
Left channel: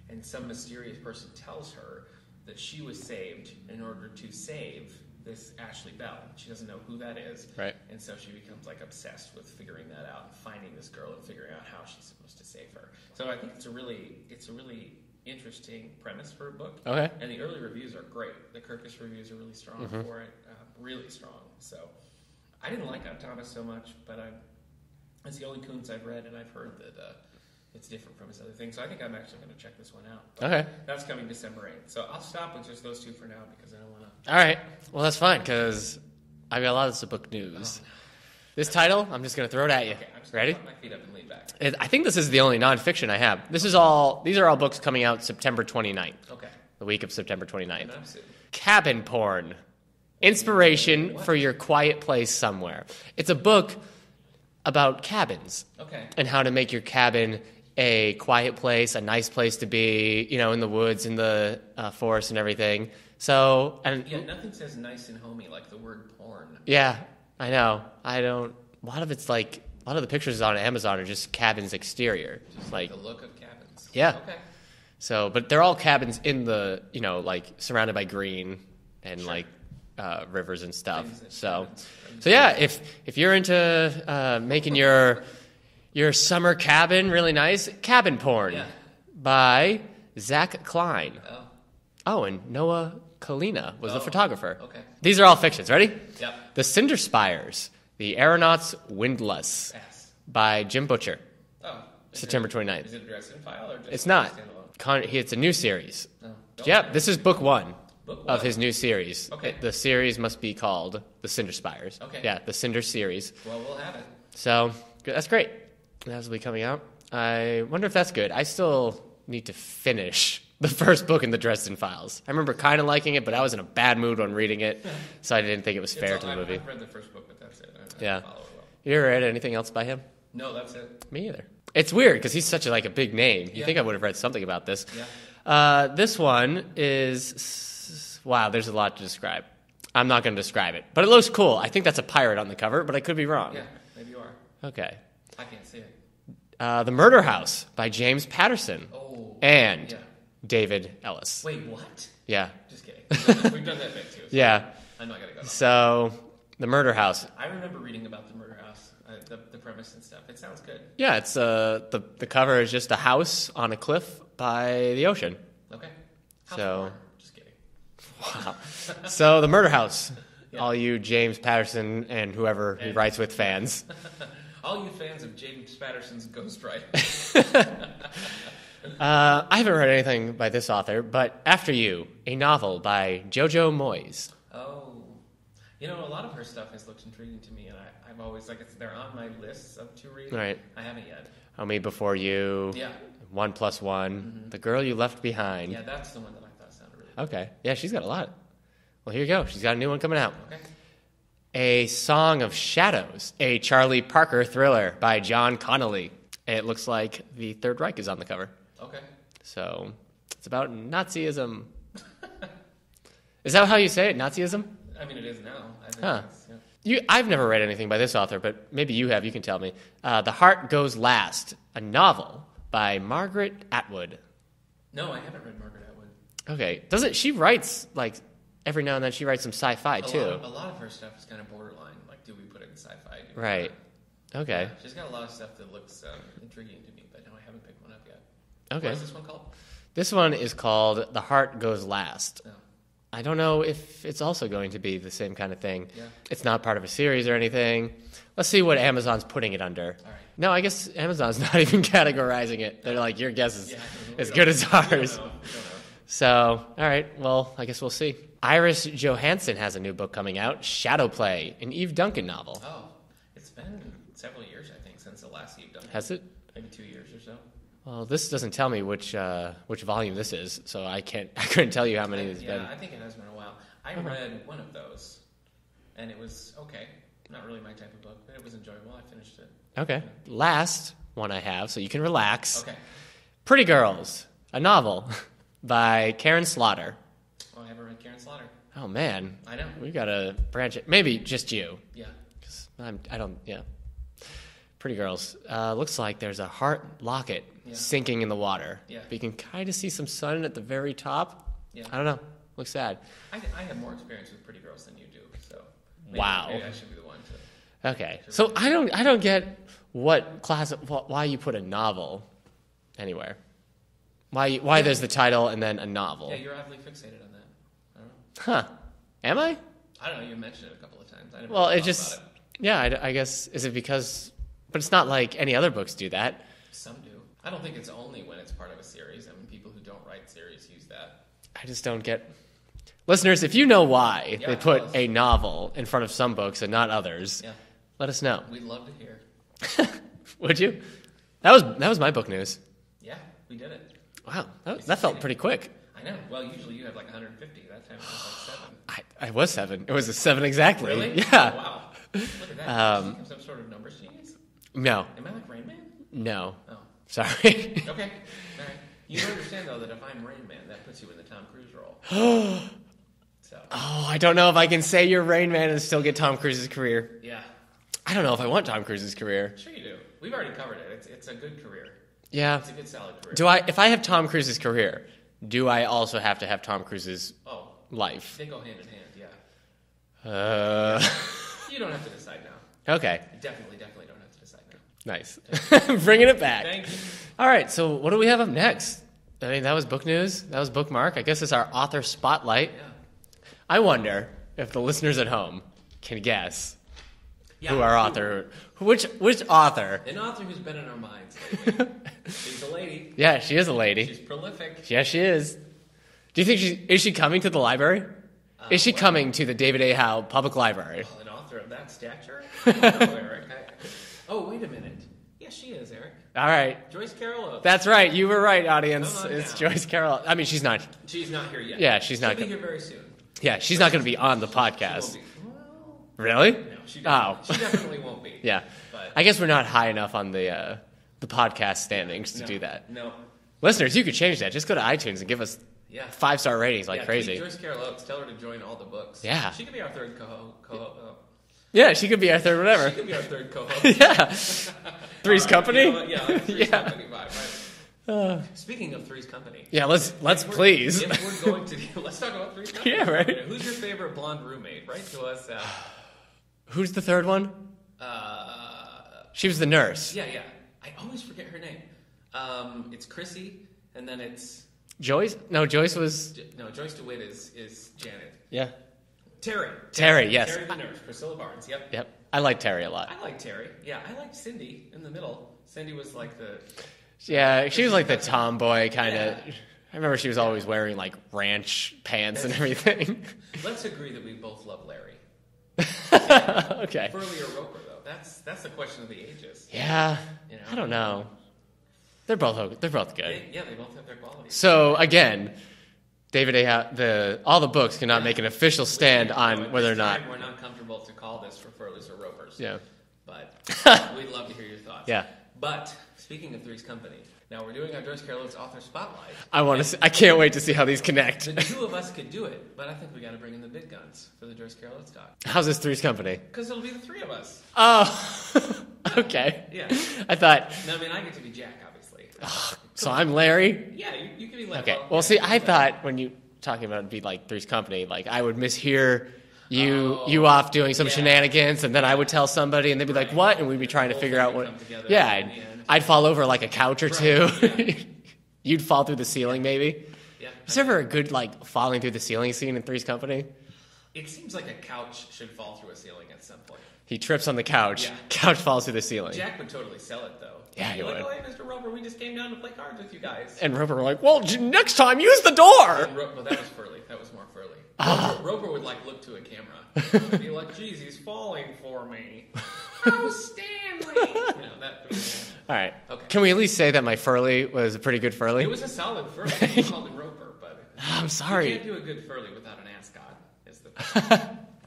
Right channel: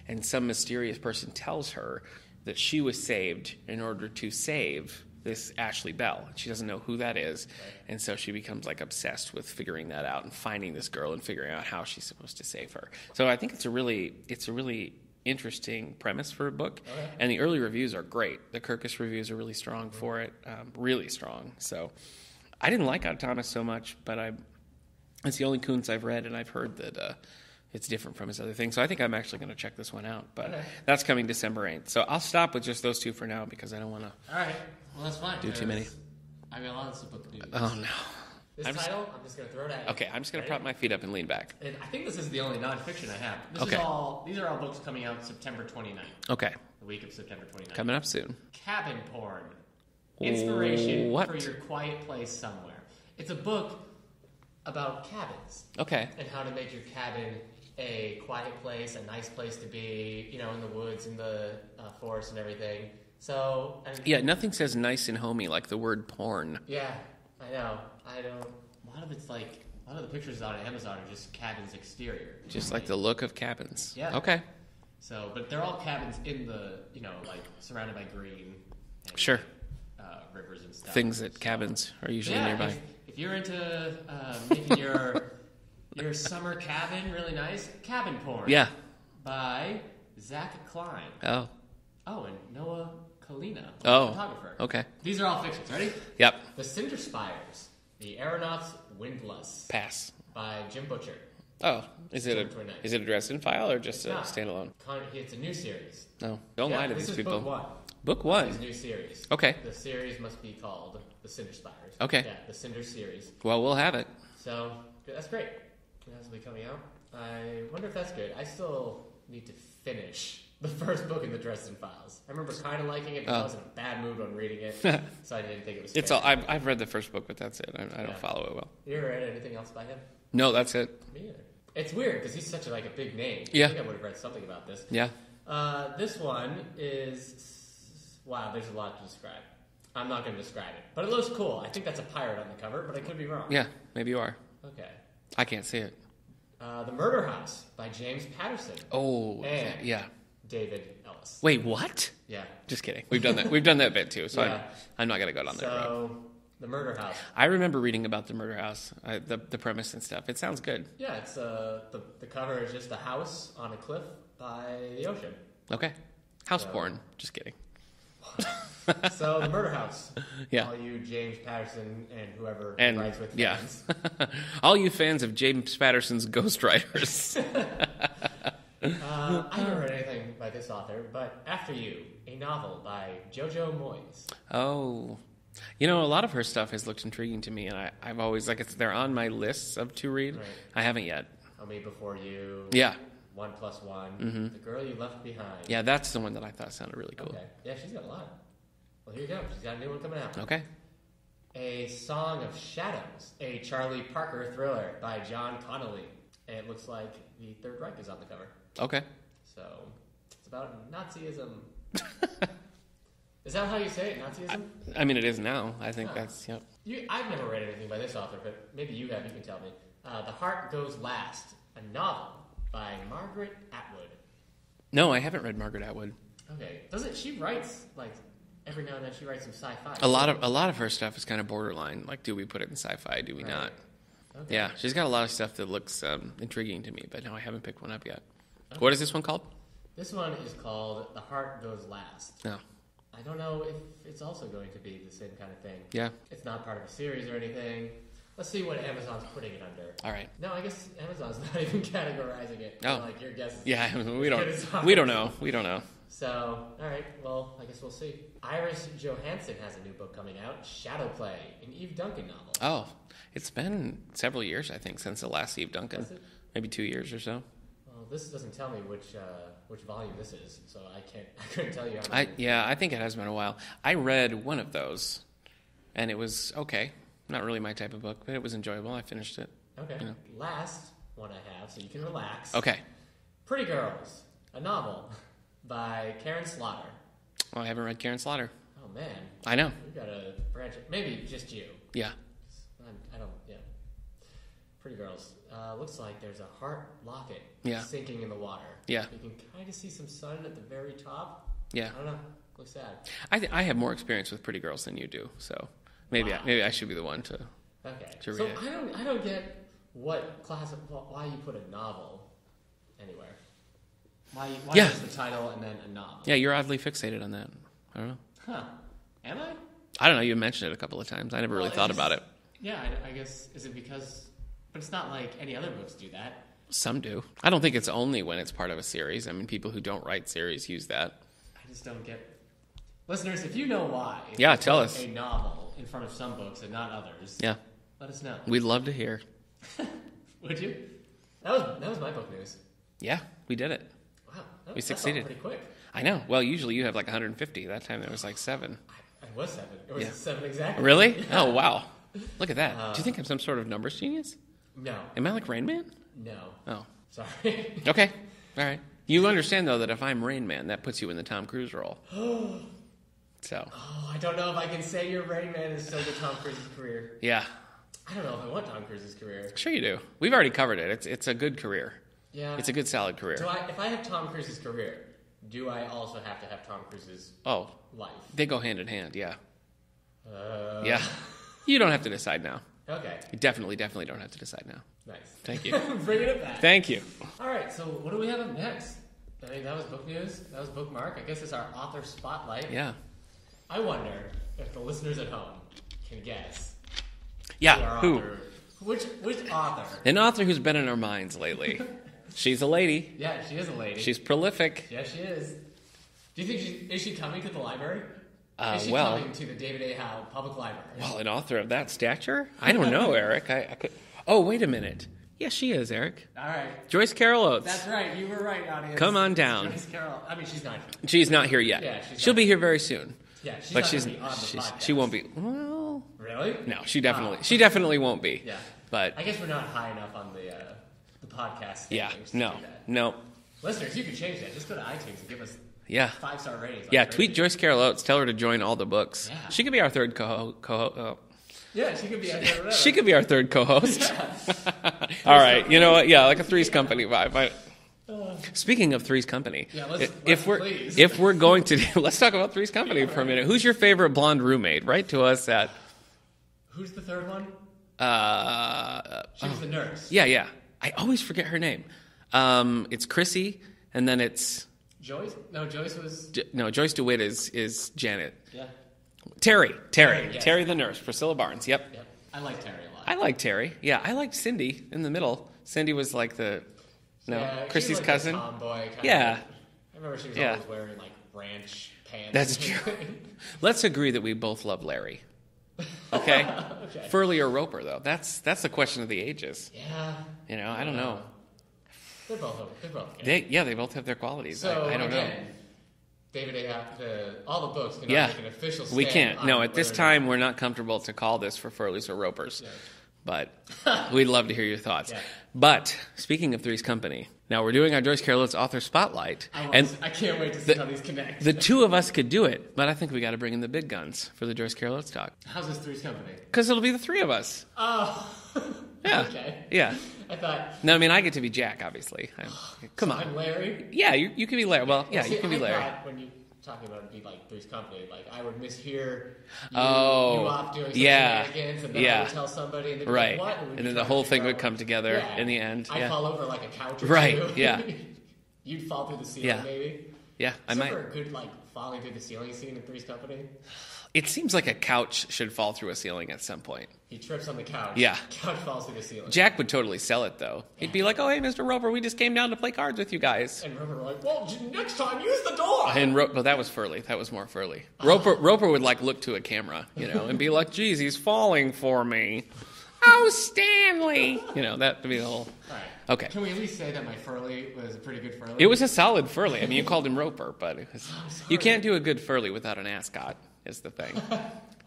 And some mysterious person tells her that she was saved in order to save this Ashley Bell. She doesn't know who that is. Right. And so she becomes, like, obsessed with figuring that out and finding this girl and figuring out how she's supposed to save her. So I think it's a really interesting premise for a book. Okay. And the early reviews are great. The Kirkus reviews are really strong for it. Really strong. So I didn't like Odd Thomas so much, but it's the only Koontz I've read, and I've heard that it's different from his other things. So I think I'm actually going to check this one out. But Okay. that's coming December 8th. So I'll stop with just those two for now because I don't want to. All right. Well, that's fine, too many. because I've got a lot of this book news. Oh, no. This title, I'm just going to throw it at you. Okay, I'm just going Ready? to put my feet up and lean back. I think this is the only nonfiction I have. These are all books coming out September 29th, Okay. the week of September 29th. Coming up soon. Cabin Porn. Inspiration What? for your quiet place somewhere. It's a book about cabins Okay. and how to make your cabin a quiet place, a nice place to be, you know, in the woods, in the forest and everything. So, and Yeah, nothing says nice and homey like the word porn. yeah, I know. A lot of the pictures on Amazon are just cabins exterior. Just Like like, the look of cabins. Yeah. Okay. so, but they're all cabins in the, you know, like surrounded by green and Sure. like rivers and stuff. Things that So- cabins are So usually yeah, made by. if you're into making your summer cabin really nice, Cabin Porn. Yeah. By Zach Klein. Oh. Oh, and Noah Kalina was Oh, the photographer. okay. These are all fictions. Ready? Yep. The Cinder Spires, The Aeronauts Windlass Pass. by Jim Butcher. Oh. Is September it 29th. Is it a Dresden file or just It's not. standalone? It's a new series. No. Don't Yeah, lie to this these is book people. one. Book Of one. his new series. Okay. The series must be called The Cinder Spires. Okay. Yeah, the Cinder series. Well, we'll have it. So that's great. That'll be coming out. I wonder if that's good. I still need to finish the first book in the Dresden Files. I remember kind of liking it, but I was in a bad mood when reading it, so I didn't think it was fair. It's to all, the movie. I've read the first book, but that's it. I Yeah. don't follow it well. You ever read anything else by him? No, that's it. Me either. It's weird because he's such a big name. You Yeah. think I would have read something about this. Yeah. This one is wow. There's a lot to describe. I'm not going to describe it, but it looks cool. I think that's a pirate on the cover, but I could be wrong. Yeah, maybe you are. Okay. I can't see it. The Murder House by James Patterson. Oh. And Yeah. David Ellis. Wait, what? Yeah. Just kidding. We've done that. We've done that bit too. So Yeah. I'm not gonna go down that. So, The Murder House. I remember reading about the murder house, the premise and stuff. It sounds good. Yeah, it's the cover is just a house on a cliff by the ocean. Okay. House So- porn. Just kidding. So, The Murder House. Yeah. All you James Patterson and whoever he And- writes with yeah. fans. All you fans of James Patterson's Ghostwriters. I haven't read anything by this author, but After You, a novel by Jojo Moyes. Oh. You know, a lot of her stuff has looked intriguing to me, and I've always, they're on my lists of to read. Right. I haven't yet. Me Before You. Yeah. 1+1. The Girl You Left Behind. Yeah, that's the one that I thought sounded really cool. Okay. Yeah, she's got a lot. Well, here you go. She's got a new one coming out. Okay. A Song of Shadows, a Charlie Parker thriller by John Connolly. It looks like the Third Reich is on the cover. Okay. So it's about Nazism. Is that how you say it, Nazism? I mean, it is now. I think Huh. that's, yeah. I've never read anything by this author, but maybe you have. You can tell me. The Heart Goes Last, a novel by Margaret Atwood. No, I haven't read Margaret Atwood. Okay. She writes, every now and then she writes some sci-fi, A lot of her stuff is kind of borderline. Like, do we put it in sci-fi? Do we Right. not? Okay. Yeah, she's got a lot of stuff that looks intriguing to me, but no, I haven't picked one up yet. Okay. What is this one called? This one is called The Heart Goes Last. No. I don't know if it's also going to be the same kind of thing. Yeah. It's not part of a series or anything. Let's see what Amazon's putting it under. All right. No, I guess Amazon's not even categorizing it. Oh. Like, your guess is Yeah, as good as ours. We don't know. So, all right. Well, I guess we'll see. Iris Johansson has a new book coming out, Shadowplay, an Eve Duncan novel. Oh, it's been several years, I think, since the last Eve Duncan. Has it? Maybe 2 years or so. Well, this doesn't tell me which volume this is, so I couldn't tell you how many. I think it has been a while. I read one of those, and it was okay. Not really my type of book, but it was enjoyable. I finished it. Okay. Last one I have, so you can relax. Okay. Pretty Girls, a novel by Karen Slaughter. Oh, I haven't read Karen Slaughter. Oh, man. I know. We got to branch it. Maybe just you. Yeah. 'Cause I don't, yeah. Pretty Girls. Looks like there's a heart locket sinking in the water. Yeah. But you can kind of see some sun at the very top. Yeah. I don't know. Looks sad. I have more experience with Pretty Girls than you do, so maybe I should be the one to. Okay. To So read it. I don't get why you put a novel anywhere. Why there's the title and then a novel. Yeah, you're oddly fixated on that. I don't know. Huh. Am I? I don't know. You mentioned it a couple of times. I never really thought about it. Yeah, I guess, is it because, but it's not like any other books do that. Some do. I don't think it's only when it's part of a series. I mean, people who don't write series use that. I just don't get. Listeners, if you know why they tell put us. a novel in front of some books and not others, Yeah. let us know. We'd love to hear. Would you? That was my book news. Yeah, we did it. Wow, that felt succeeded. pretty quick. I know. Well, usually you have like 150. That time it was like 7. I was 7. It was a 7 exactly. Really? Yeah. Oh, wow. Look at that. Do you think I'm some sort of numbers genius? No. Am I like Rain Man? No. Oh. Sorry. Okay. All right. You understand, though, that if I'm Rain Man, that puts you in the Tom Cruise role. So. Oh, I don't know if I can say you're Rain Man and still get Tom Cruise's career. Yeah. I don't know if I want Tom Cruise's career. Sure you do. We've already covered it. It's a good career. Yeah. It's a good, solid career. If I have Tom Cruise's career, do I also have to have Tom Cruise's life? They go hand in hand, yeah. Yeah. You don't have to decide now. Okay. You definitely don't have to decide now. Nice. Thank you. Bringing it back. Thank you. All right, so what do we have up next? I mean, that was book news. That was bookmark. I guess it's our author spotlight. Yeah. I wonder if the listeners at home can guess who Yeah. our author... Which author? An author who's been in our minds lately. She's a lady. Yeah, she is a lady. She's prolific. Yeah, she is. Do you think is she coming to the library? Is she coming to the David A. Howe Public Library? Well, an author of that stature? I don't know, Eric. I could... Oh, wait a minute. Yes, she is, Eric. All right. Joyce Carol Oates. That's right. You were right, audience. Come on It's down. Joyce Carol. I mean, she's not. She's not here yet. Yeah, she's not. She'll be here very soon. Yeah, she's But not going to be on the podcast. She won't be. Well, Really? no, she definitely won't be. Yeah. But I guess we're not high enough on the podcast standings to do that. No. Listeners, you could change that. Just go to iTunes and give us 5-star ratings like crazy. Tweet Joyce Carol Oates. Tell her to join all the books. Yeah. She could be our third co-host. Yeah, she could be our third whatever. She could be our third co-host. Yeah. Three's Company? You know what? Yeah, like a Three's Company vibe. Speaking of Three's Company. Yeah, let's please. If we're going to... Let's talk about Three's Company Yeah, for a right. minute. Who's your favorite blonde roommate? Write to us at... Who's the third one? She was the nurse. Yeah. I always forget her name. It's Chrissy, and then it's... Joyce? No, Joyce was... No, Joyce DeWitt is Janet. Yeah. Terry, yes. Terry the nurse. Priscilla Barnes, yep. I like Terry a lot. I like Terry. Yeah, I liked Cindy in the middle. Cindy was like the... Yeah, she was Chrissy's like cousin. the tomboy kind of... Yeah. I remember she was always wearing like ranch pants and everything. Let's agree that we both love Larry. Okay? Okay. Furley or Roper, though. That's the question of the ages. Yeah. You know, I don't know. They're both good. They both have their qualities. So again, David A. All the books cannot make an official stand on No, at whether this or not. time we're not comfortable to call this for Furleys or Ropers. Yeah. But we'd love to hear your thoughts. Yeah. But speaking of Three's Company, now we're doing our Joyce Carol Oates author spotlight. I can't wait to see how these connect. The two of us could do it, but I think we got to bring in the big guns for the Joyce Carol Oates talk. How's this Three's Company? Because it'll be the three of us. Oh, okay. Yeah. I thought. No, I mean I get to be Jack, obviously. So I'm Larry. Yeah, you can be Larry. Okay. Well, See, you can I be Larry. thought when you talking about it'd be like Three's Company, like I would mishear you off doing some shenanigans, and then I would tell somebody, and they'd be like, "What?" And we'd be trying to figure out the whole thing would come together. In the end, I'd fall over like a couch or two. Yeah. You'd fall through the ceiling, maybe. Yeah. Is there ever a good, like, falling through the ceiling scene in Three's Company? It seems like a couch should fall through a ceiling at some point. He trips on the couch. Yeah. Couch falls through the ceiling. Jack would totally sell it, though. Yeah, He'd be he like, would. oh, hey, Mr. Roper, we just came down to play cards with you guys. And Roper were like, well, next time, use the door. And well, that was Furley. That was more Furley. Roper would, like, look to a camera, and be like, geez, he's falling for me. Oh, Stanley! That would be the whole... All right. Okay. Can we at least say that my Furley was a pretty good Furley? It was a solid Furley. I mean, you called him Roper, but... I'm sorry. You can't do a good Furley without an ascot, is the thing.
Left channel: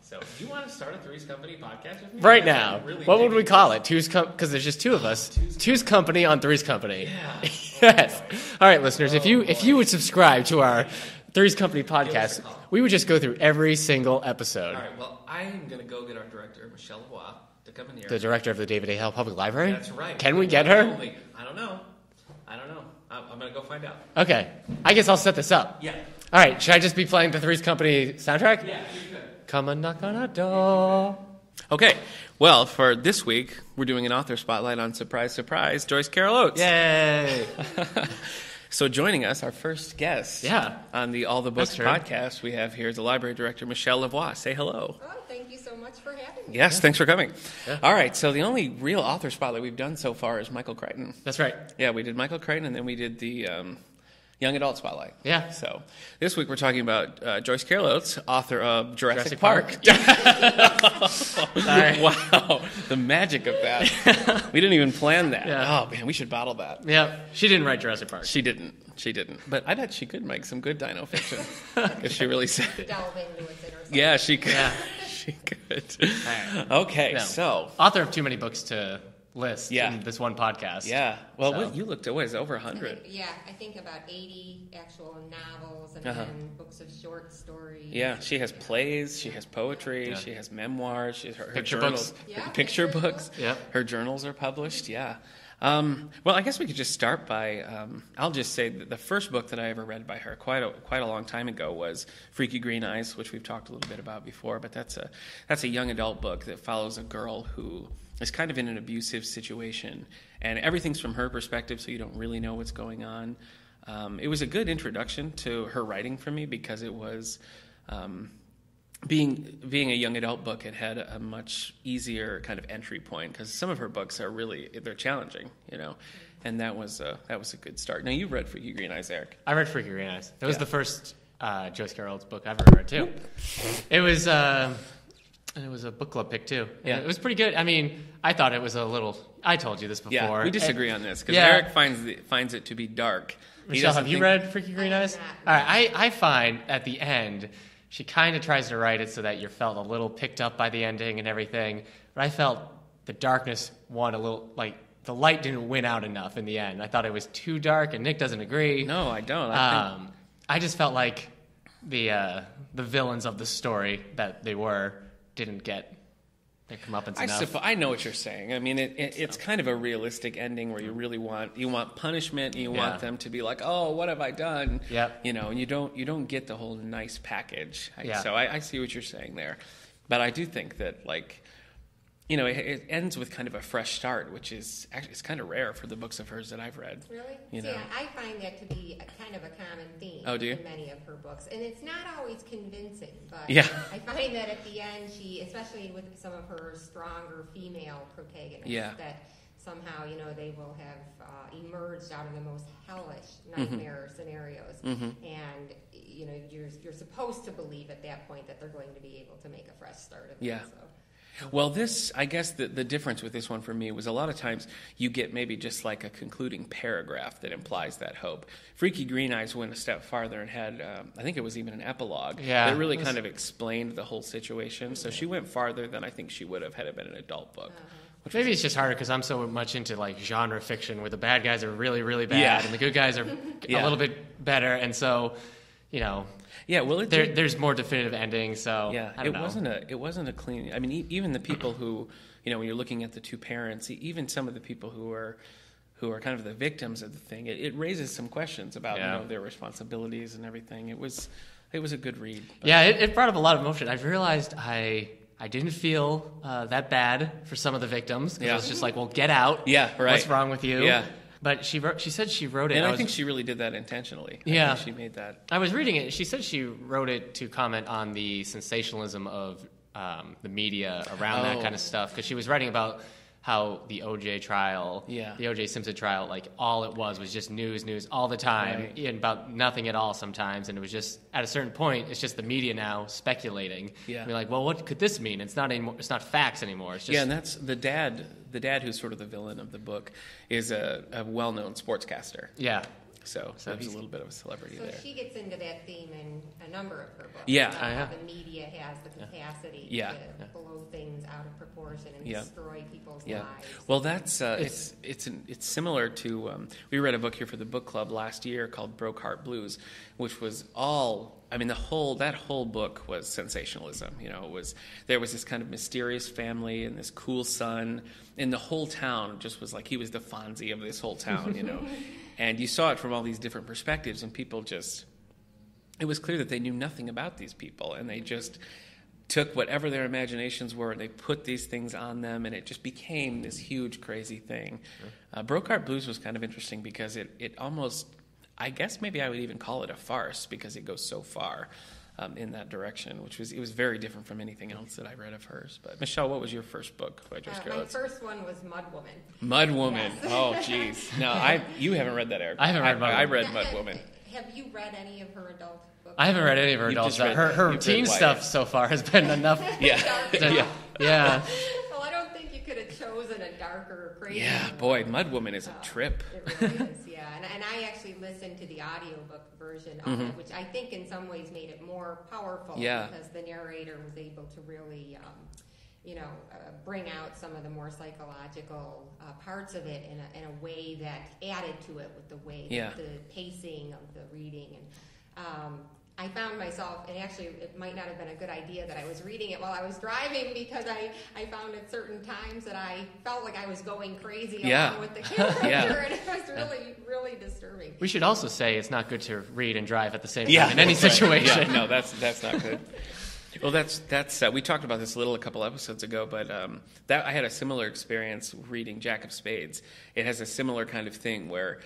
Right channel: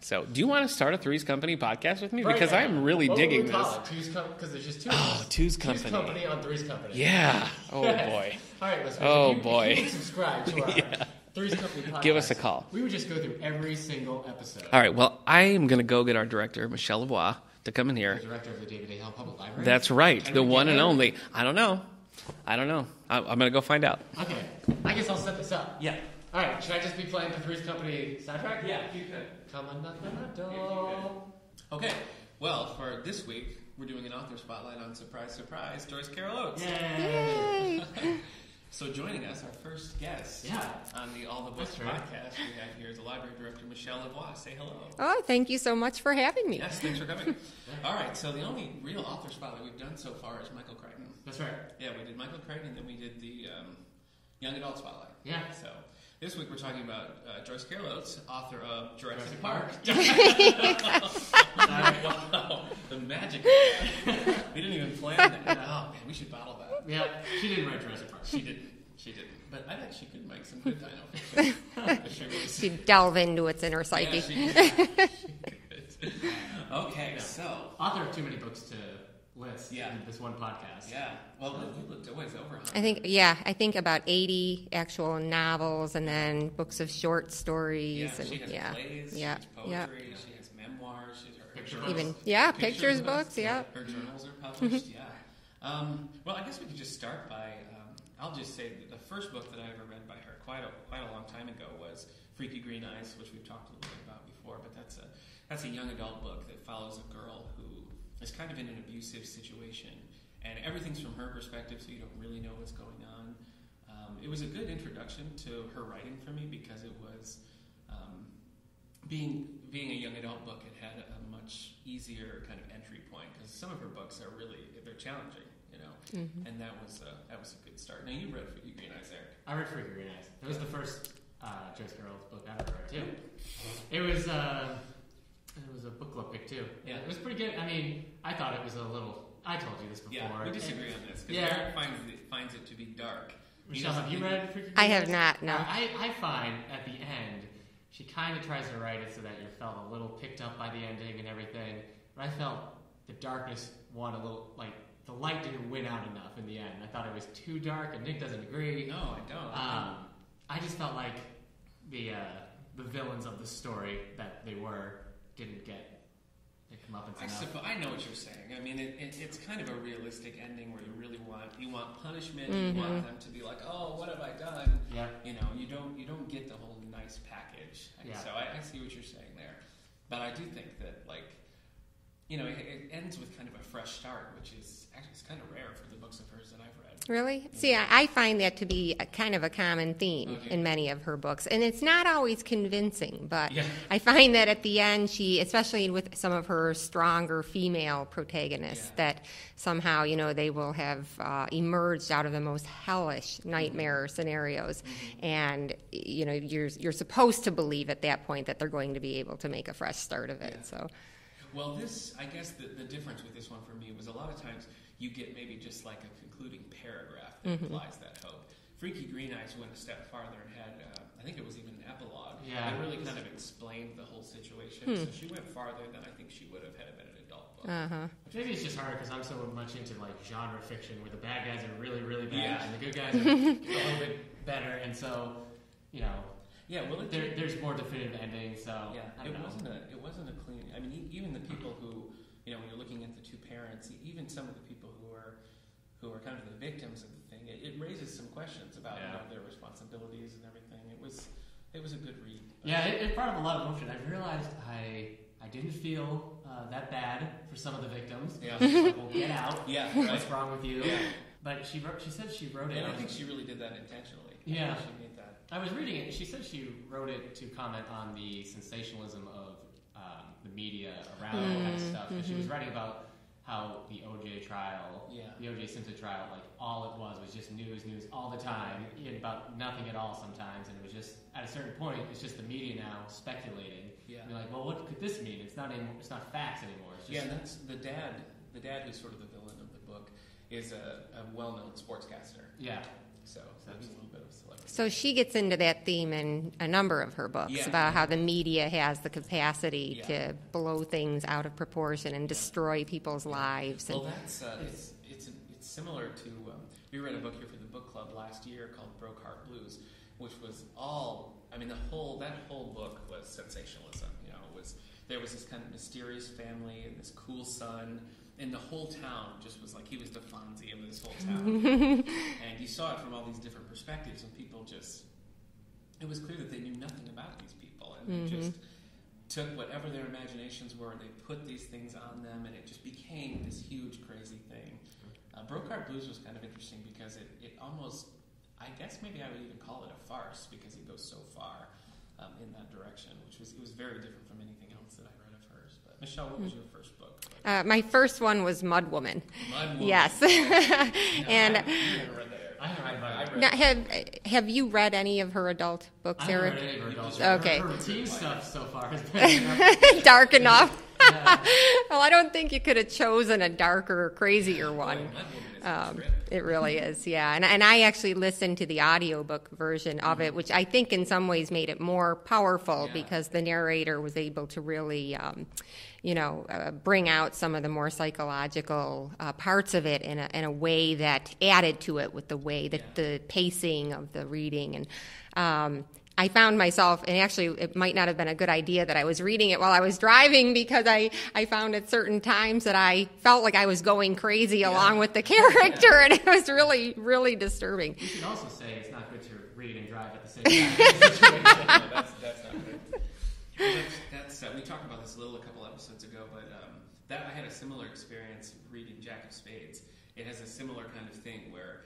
So, do you want to start a Three's Company podcast with me? Right because now. I'm really what would digging we call this. it? Because there's just two of us. Two's Company on Three's Company. Yeah. Oh, Yes. boy. All right, listeners, Oh, if you would subscribe to our Three's Company podcast, Give us a call. we would just go through every single episode. All right, well, I am going to go get our director, Michelle LaVoie, to come in here. The director of the David A. Howe Public Library? That's right. Can the we get one her? and only. I don't know. I'm going to go find out. Okay. I guess I'll set this up. Yeah. All right. Should I just be playing the Three's Company soundtrack? Yeah, you could. Come and knock on our door. Okay. Well, for this week, we're doing an author spotlight on Surprise, Surprise, Joyce Carol Oates. Yay. So joining us, our first guest on the All the Books podcast, we have here the library director, Michelle LaVoie. Say hello. Oh, thank you so much for having me. Yes, thanks for coming. Yeah. All right, so the only real author spotlight we've done so far is Michael Crichton. That's right. Yeah, we did Michael Crichton, and then we did the Young Adult Spotlight. Yeah. So this week we're talking about Joyce Carol Oates, author of Jurassic Park. Wow, the magic of that. We didn't even plan that. Yeah. Oh, man, we should bottle that. Yeah, she didn't write Jurassic Park. She didn't. But I bet she could make some good dino fiction if she really said it. Delve into its inner psyche. Yeah, she could. She could. Okay, No. so. Author of too many books to list Yeah. in this one podcast. Yeah. Well, So. you looked at, what is it, over 100? I think about 80 actual novels and then books of short stories. Yeah, and, she has plays, she has poetry, Yeah. she has memoirs, she has her Picture journals. books. Yeah, picture pictures books. books, yeah. Her journals are published, yeah. Well, I guess we could just start by, I'll just say that the first book that I ever read by her quite a long time ago was Freaky Green Eyes, which we've talked a little bit about before, but that's a young adult book that follows a girl who is kind of in an abusive situation, and everything's from her perspective, so you don't really know what's going on. It was a good introduction to her writing for me because it was, being a young adult book, it had a much easier kind of entry point because some of her books are they're challenging, and that was a good start. Now, you've read Freaky Green Eyes, Eric. I read Freaky Green Eyes. That was the first Joyce Carol Oates book I've ever read, too. It was a book club pick, too. Yeah. It was pretty good. I mean, I thought it was a little... I told you this before. Yeah, we disagree on this because Yeah. Eric finds it to be dark. Michelle, have you read Freaky Green Eyes? I have not, no. All right, I find at the end, she kind of tries to write it so that you felt a little picked up by the ending and everything. But I felt the darkness won a little, like, the light didn't win out enough in the end. I thought it was too dark, and Nick doesn't agree. No, I don't. I just felt like the villains of the story that they were didn't get their comeuppance enough. I know what you're saying. I mean, it's kind of a realistic ending where you really want punishment. And you want them to be like, oh, what have I done? Yeah. And you don't get the whole nice package. Yeah. So I see what you're saying there, but I do think that it ends with kind of a fresh start, which is actually it's kind of rare for the books of hers that I've read. Really? See, I find that to be kind of a common theme in many of her books. And it's not always convincing, but I find that at the end, especially with some of her stronger female protagonists, that somehow, they will have emerged out of the most hellish nightmare scenarios. And, you're supposed to believe at that point that they're going to be able to make a fresh start of it. Yeah. So. Well, I guess the difference with this one for me was a lot of times you get maybe just like a concluding paragraph that implies that hope. Freaky Green Eyes went a step farther and had, I think it was even an epilogue that really kind of explained the whole situation. So she went farther than I think she would have had it been an adult book. Maybe it's just harder because I'm so much into like genre fiction where the bad guys are really, really bad and the good guys are a little bit better. And so, yeah, well, there's more definitive endings. So I don't know. It wasn't a clean. I mean, even the people who, when you're looking at the two parents, even some of the people who are kind of the victims of the thing, it raises some questions about their responsibilities and everything. It was a good read. But. Yeah, it brought up a lot of emotion. I've realized I didn't feel that bad for some of the victims. I was just like, well, get out. Yeah, right. What's wrong with you? Yeah. But she said she wrote it. And I think she really did that intentionally. Yeah. I think she made that. I was reading it. She said she wrote it to comment on the sensationalism of the media around that kind of stuff. Because she was writing about how the O.J. trial, the O.J. Simpson trial, like all it was just news all the time, and about nothing at all sometimes. And it was just, at a certain point, it's just the media now speculating. Yeah. We're like, well, what could this mean? It's not anymore. It's not facts anymore. It's just... Yeah, and that's the dad. The dad, who's sort of the villain of the book, is a well-known sportscaster. Yeah. So he's a little bit of a celebrity. So she gets into that theme in a number of her books about how the media has the capacity to blow things out of proportion and destroy people's lives. Well, that's it's similar to we read a book here for the book club last year called Broke Heart Blues, which was all. I mean, that whole book was sensationalism. There was this kind of mysterious family and this cool son. And the whole town just was like he was the Fonzie of this whole town, And you saw it from all these different perspectives, and people it was clear that they knew nothing about these people, and they just took whatever their imaginations were, and they put these things on them, and it just became this huge, crazy thing. Broke Heart Blues was kind of interesting because it almost, I guess maybe I would even call it a farce because it goes so far. In that direction, it was very different from anything else that I read of hers. But Michelle, what was your first book? My first one was Mud Woman. Mud Woman. Yes. Oh, geez. No, you haven't read that, Eric. I haven't read Mud Woman. I read Mud Woman. Have you read any of her adult books? I haven't read any of her adult stuff. Her teen stuff so far has been enough. Dark enough. Yeah. Well, I don't think you could have chosen a darker, crazier one. Boy, Mud Woman is a trip. It really is, yeah. And I actually listened to the audiobook version of it, which I think in some ways made it more powerful because the narrator was able to really, bring out some of the more psychological parts of it in a way that added to it with the way that the pacing of the reading. And I found myself, and actually it might not have been a good idea that I was reading it while I was driving because I found at certain times that I felt like I was going crazy along with the character, and it was really, really disturbing. We should also say it's not good to read and drive at the same time in any situation. No, that's not good. Well, that's we talked about this a couple episodes ago, but I had a similar experience reading Jack of Spades. It has a similar kind of thing where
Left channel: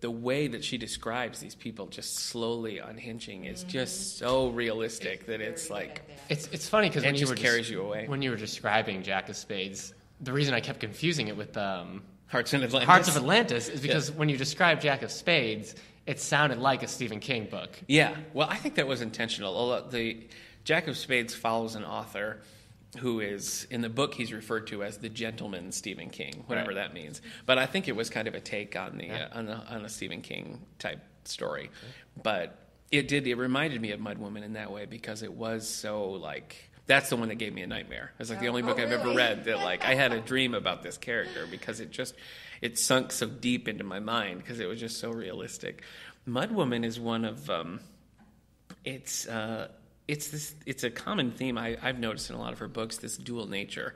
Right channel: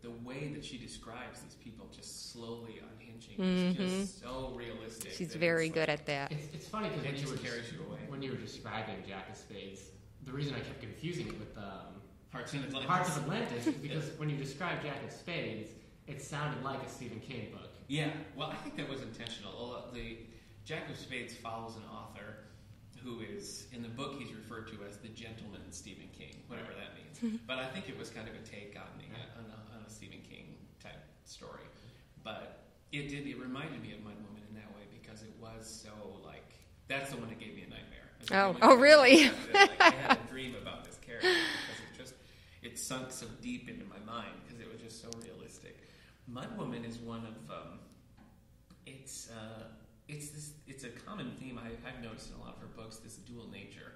the way that she describes these people just slowly unhinging is just so realistic. She's that very it's good like, at that. It's funny because when you carries you away. When you were describing Jack of Spades, the reason I kept confusing it with Hearts of Atlantis is because when you describe Jack of Spades, it sounded like a Stephen King book. Yeah, well, I think that was intentional. The Jack of Spades follows an author who is, in the book, he's referred to as the gentleman Stephen King, whatever that means. But I think it was kind of a take on on a Stephen King type story. But it reminded me of Mud Woman in that way because it was so like, that's the one that gave me a nightmare. It was like the only book I've ever read that like I had a dream about this character because it sunk so deep into my mind because it was just so realistic. Mud Woman is one of it's a common theme I've noticed in a lot of her books, this dual nature,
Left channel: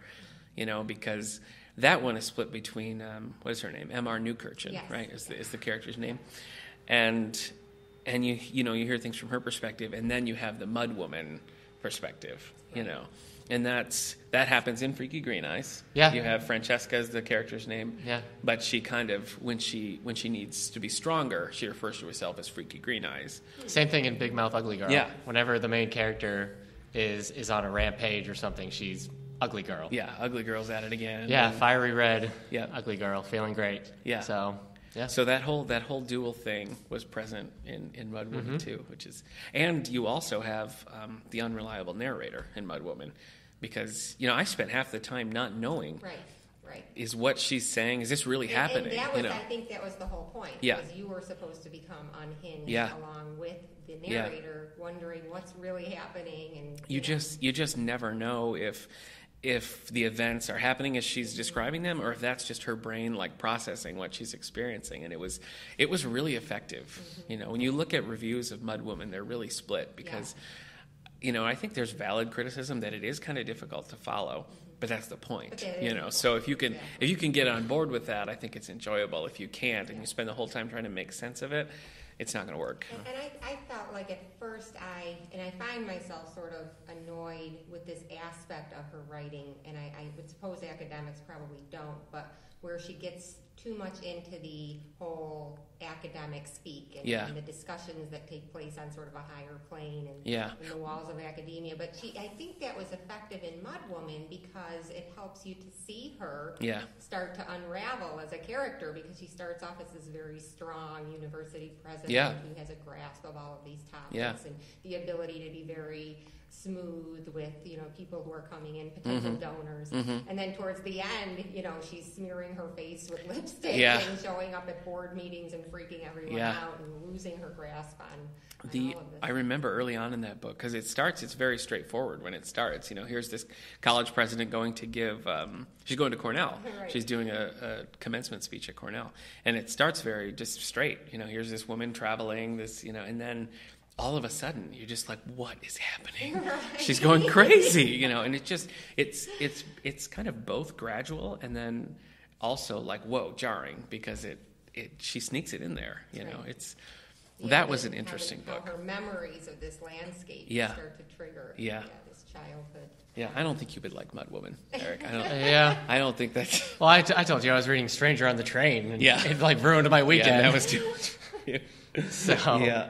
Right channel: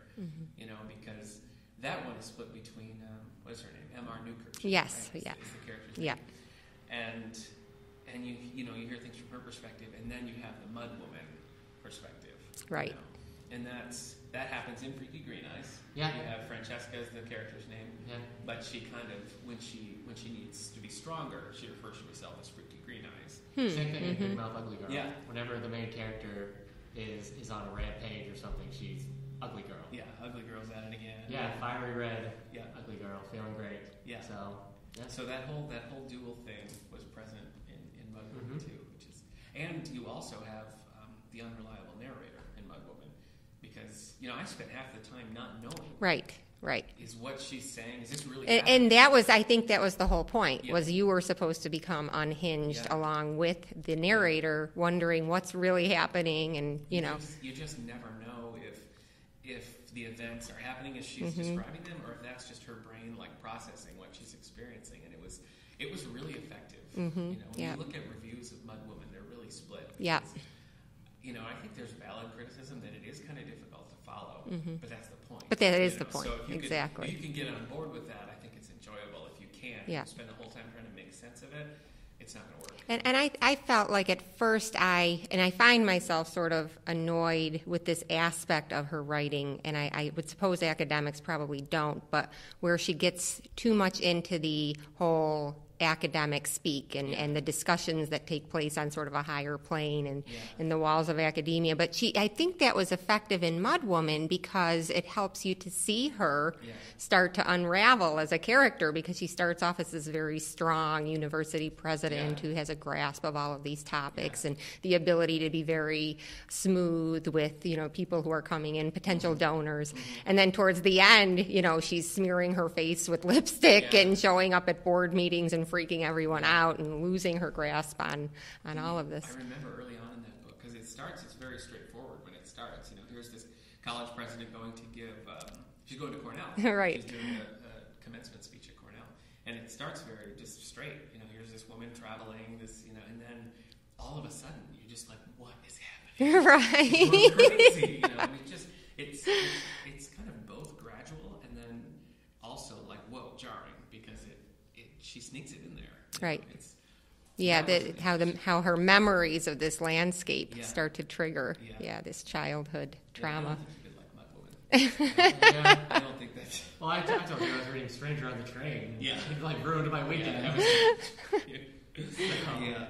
because that one is split between what is her name, M.R. Newkirchen, right? Is the character's name, and you hear things from her perspective, and then you have the Mud Woman perspective, right? And that happens in Freaky Green Eyes. Yeah. You have Francesca as the character's name. Yeah. But she kind of, when she needs to be stronger, she refers to herself as Freaky Green Eyes. Same thing in Big Mouth Ugly Girl. Yeah. Whenever the main character is on a rampage or something, she's Ugly Girl. Yeah, Ugly Girl's at it again. Yeah, fiery red, Ugly Girl, feeling great. Yeah. So that whole dual thing was present in Mud Woman too, and you also have the unreliable narrator in Mud Woman. Because, I spent half the time not knowing. Right. Is what she's saying, is this really happening? And that was, I think that was the whole point, was you were supposed to become unhinged along with the narrator, wondering what's really happening. And you just never know if the events are happening as she's describing them, or if that's just her brain like processing what she's experiencing. And it was really effective. When you look at reviews of Mud Woman, they're really split because I think there's valid criticism that it is kind of difficult to follow, but that's the point. But that is the point. So if you can get on board with that, I think it's enjoyable. If you can't, and you spend the whole time trying to make sense of it, it's not going to work. And I felt like at first I find myself sort of annoyed with this aspect of her writing, and I would suppose academics probably don't, but where she gets too much into the whole academic speak and the discussions that take place on sort of a higher plane and in the walls of academia. But I think that was effective in Mudwoman because it helps you to see her start to unravel as a character, because she starts off as this very strong university president who has a grasp of all of these topics and the ability to be very smooth with, people who are coming in, potential donors. And then towards the end, she's smearing her face with lipstick and showing up at board meetings and freaking everyone out and losing her grasp on all of this. I remember early on in that book, because it's very straightforward when it starts. Here's this college president going to give, she's going to Cornell. Right. She's doing a commencement speech at Cornell. And it starts very just straight. Here's this woman traveling, and then all of a sudden you're just like, what is happening? Right. She's going crazy, and it's kind of both gradual and then also like, whoa, jarring, because she sneaks it in there. Right. That was an interesting how her memories of this landscape start to trigger this childhood trauma. I don't think you would like Mudwoman. I don't think that's... Well, I told you I was reading Stranger on the Train, and it like ruined my weekend. Yeah, that was too... So...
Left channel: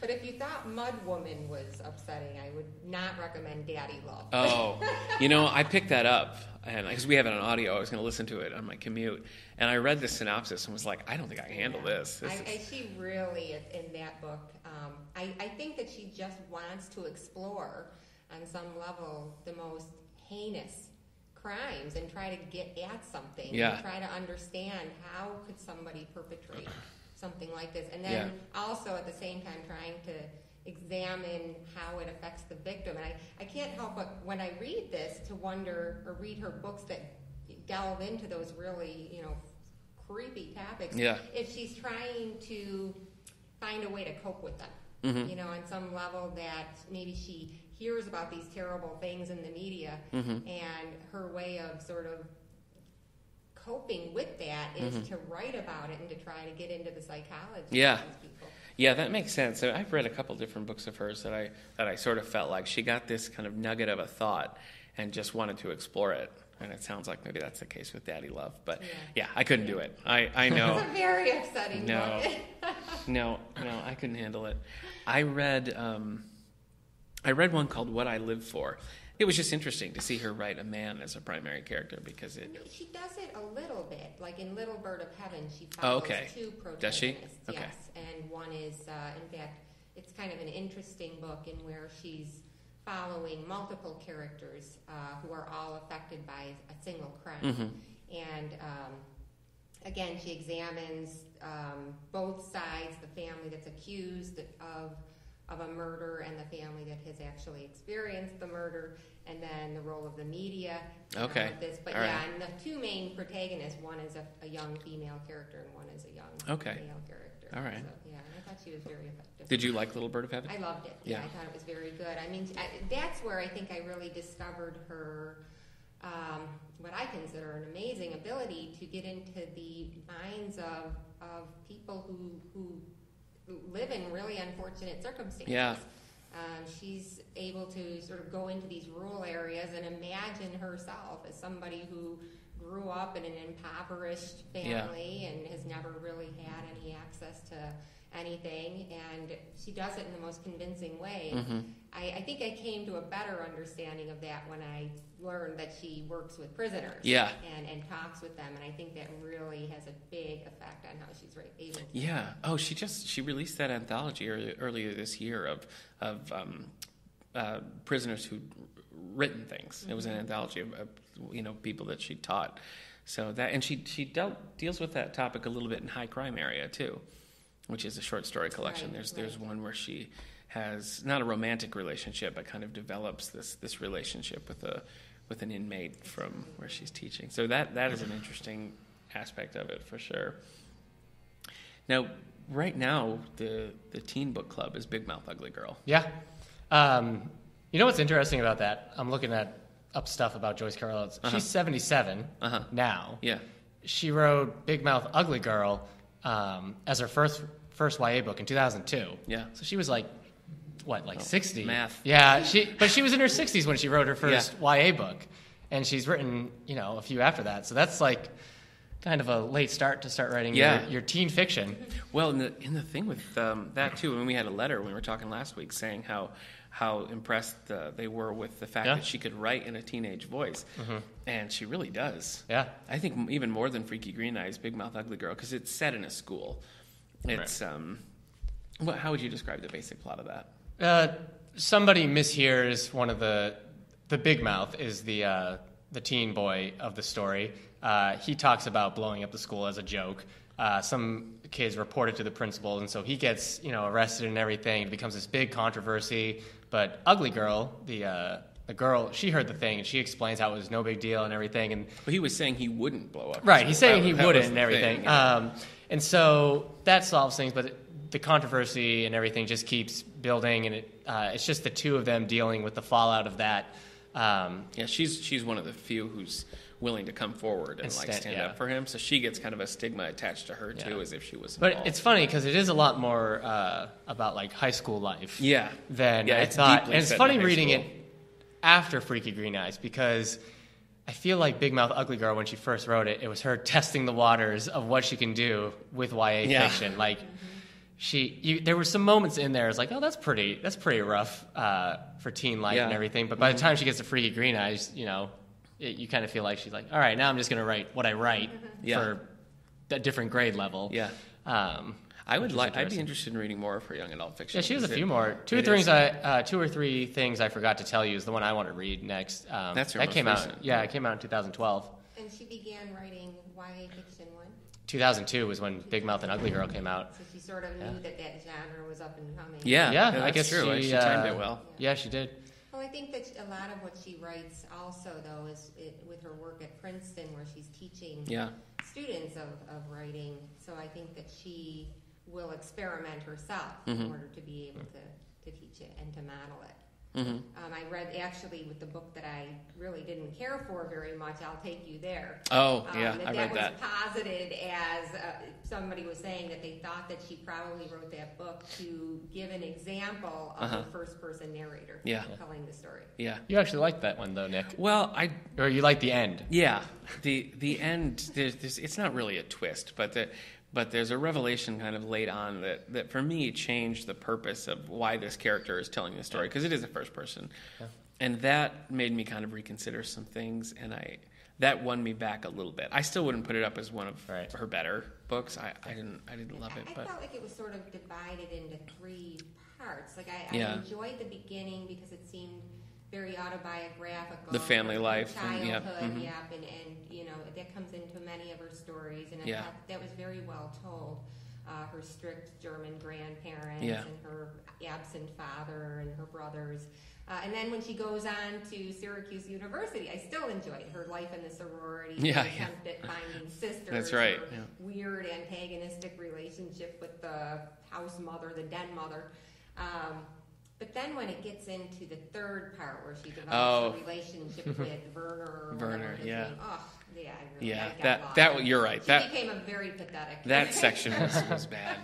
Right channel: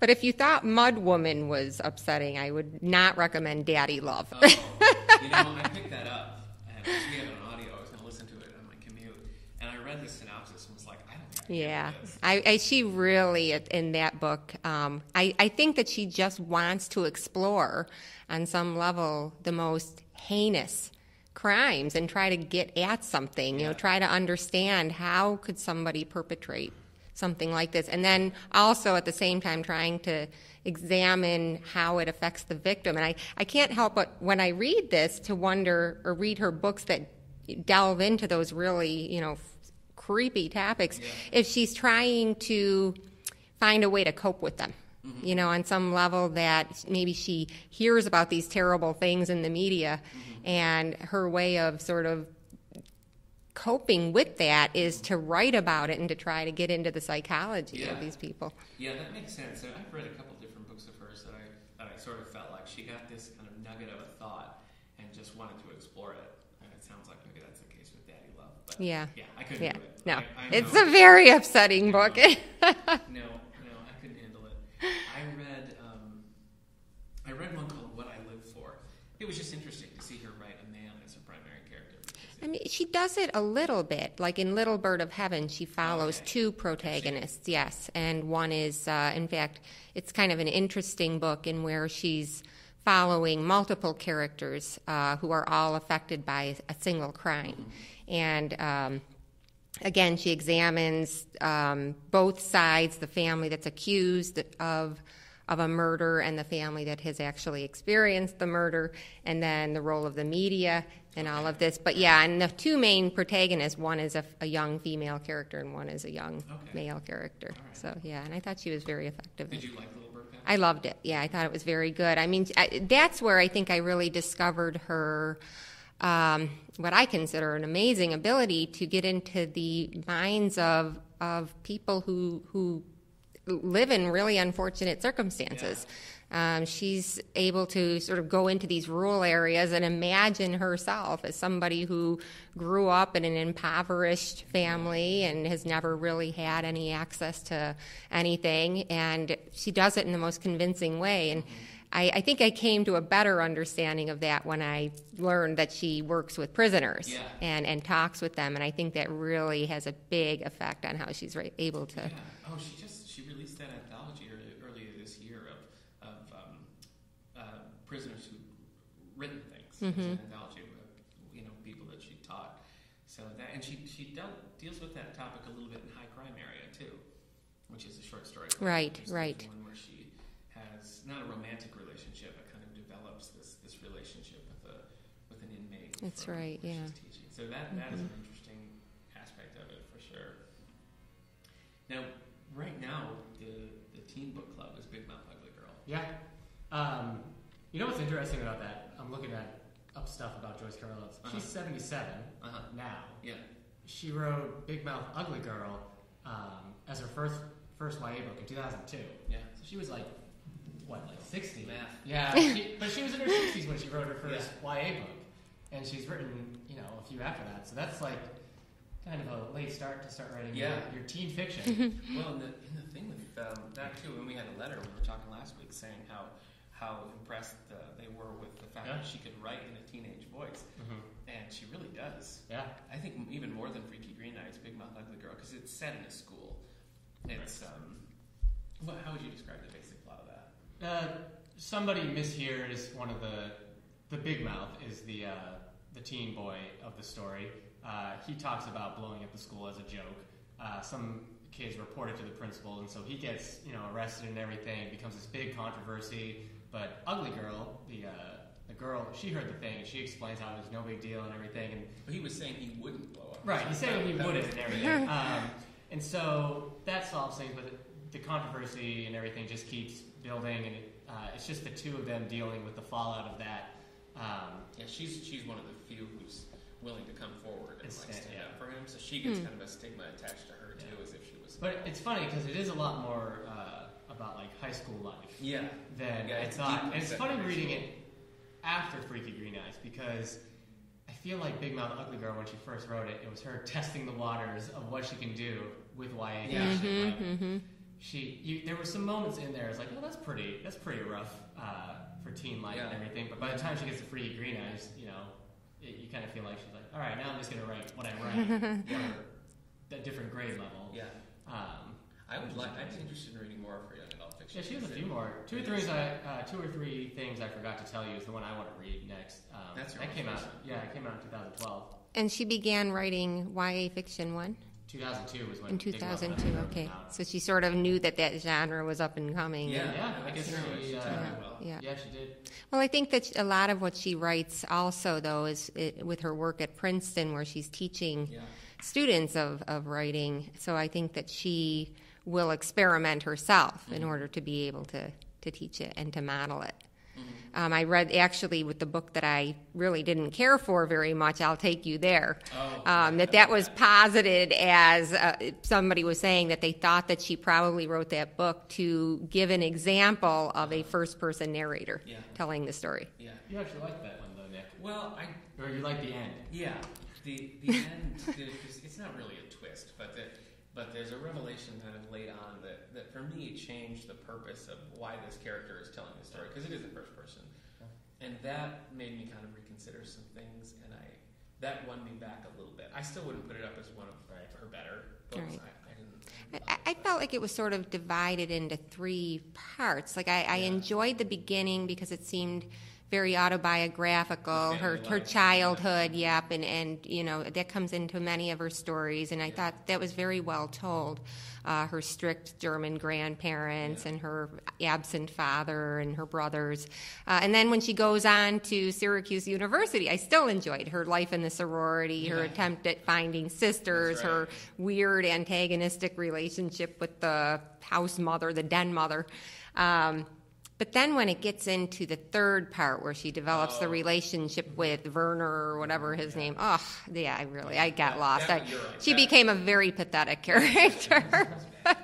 But if you thought Mudwoman was upsetting, I would not recommend Daddy Love. Oh, I picked that up, and because we have it on audio, I was going to listen to it on my commute. And I read the synopsis and was like, I don't think I can handle this. She really, in that book, I think that she just wants to explore, on some level, the most heinous crimes and try to get at something and try to understand how could somebody perpetrate something like this. And then also at the same time trying to examine how it affects the victim. And I can't help but, when I read this, to wonder, or read her books that delve into those really, creepy topics, if she's trying to find a way to cope with them, on some level, that maybe she hears about these terrible things in the media, and her way of sort of coping with that is to write about it and to try to get into the psychology of these people. Yeah, that makes sense. So I've read a couple different books of hers that I sort of felt like she got this kind of nugget of a thought and just wanted to explore it. And it sounds like maybe that's the case with Daddy Love. But I couldn't do it. No. I know. It's a very upsetting book. No, I couldn't handle it. I read one called What I Live For. It was just interesting to see her write a man as a primary character, because she does it a little bit. Like in Little Bird of Heaven, she follows two protagonists. Okay. Yes, and one is, in fact, it's kind of an interesting book in where she's following multiple characters who are all affected by a single crime. And again, she examines both sides, the family that's accused of a murder and the family that has actually experienced the murder, and then the role of the media and all of this. But and the two main protagonists, one is a young female character and one is a young male character. All right. So, and I thought she was very effective. Did you like Little Bird of Heaven? I loved it. Yeah, I thought it was very good. I mean, that's where I think I really discovered her, what I consider an amazing ability to get into the minds of people who live in really unfortunate circumstances. She's able to sort of go into these rural areas and imagine herself as somebody who grew up in an impoverished family and has never really had any access to anything, and she does it in the most convincing way. And I think I came to a better understanding of that when I learned that she works with prisoners and talks with them, and I think that really has a big effect on how she's able to. Yeah. Oh, she released that anthology earlier this year of prisoners who'd written things. It was an anthology of people that she taught. So that, and she deals with that topic a little bit in High Crime Area too, which is a short story collection. There's one where she has not a romantic relationship, but kind of develops this relationship with an inmate where she's teaching. So that is an interesting aspect of it for sure. Now, right now, the teen book club is Big Mouth Ugly Girl. Yeah. You know what's interesting about that? I'm looking up stuff about Joyce Carol Oates. She's 77 now. Yeah. She wrote Big Mouth Ugly Girl as her first first YA book in 2002. Yeah. So she was like, 60? Math. Yeah, but she was in her 60s when she wrote her first YA book. And she's written, a few after that. So that's like kind of a late start to start writing your teen fiction. Well, in the thing with that too, when we had a letter when we were talking last week saying how impressed they were with the fact that she could write in a teenage voice. And she really does. Yeah. I think even more than Freaky Green Eyes, Big Mouth Ugly Girl, because it's set in a school. It's, how would you describe the basic plot of that? Somebody mishears one of the Big Mouth is the teen boy of the story. He talks about blowing up the school as a joke. Some kids report it to the principal, and so he gets arrested and everything. It becomes this big controversy. But Ugly Girl, the girl, she heard the thing and she explains how it was no big deal and everything. But he was saying he wouldn't blow up. Right, he's saying he wouldn't and everything. And so that solves things, but the controversy and everything just keeps building, and it's just the two of them dealing with the fallout of that. She's one of the few who's willing to come forward and stand up for him. So she gets kind of a stigma attached to her too, as if she was involved. But it's funny because it is a lot more about like high school life. Than I thought. And it's funny reading it after Freaky Green Eyes because I feel like Big Mouth Ugly Girl, when she first wrote it, it was her testing the waters of what she can do with YA fiction. There were some moments in there. It's like, oh, that's pretty rough for teen life and everything. But by the time she gets to Freaky Green Eyes, you kind of feel like she's like, all right, now I'm just going to write what I write for a different grade level. Yeah. I'd be interested in reading more of her young adult fiction. Yeah, she has a few more. Two or three things I forgot to tell you is the one I want to read next. That's her that most came recent. out. Yeah, it came out in 2012. And she began writing YA fiction when? 2002 was when Big Mouth and Ugly Girl came out. So she sort of knew that genre was up and coming. Yeah, I guess true. She timed it well. Yeah, she did. Well, I think that a lot of what she writes also, though, is with her work at Princeton, where she's teaching students of writing. So I think that she will experiment herself in order to be able to teach it and to model it. I read, actually, with the book that I really didn't care for very much, I'll Take You There. That was posited as somebody was saying that they thought that she probably wrote that book to give an example of a first-person narrator telling the story. Yeah. You actually liked that one, though, Nick. Well, Or you liked the end. Yeah. The end, it's not really a twist, but there's a revelation kind of late on that for me changed the purpose of why this character is telling the story, because it is a first person. Yeah. And that made me kind of reconsider some things, and that won me back a little bit. I still wouldn't put it up as one of her better books. I didn't love it. I felt like it was sort of divided into three parts. Like I enjoyed the beginning because it seemed very autobiographical, the family her life, childhood, and that comes into many of her stories, and I thought that was very well told. Her strict German grandparents and her absent father and her brothers. And then when she goes on to Syracuse University, I still enjoyed her life in the sorority, her attempt at finding sisters, her weird antagonistic relationship with the house mother, the den mother. But then when it gets into the third part where she develops the relationship with Werner or whatever his name, I got lost. You're right. She became a very pathetic character. That section was bad.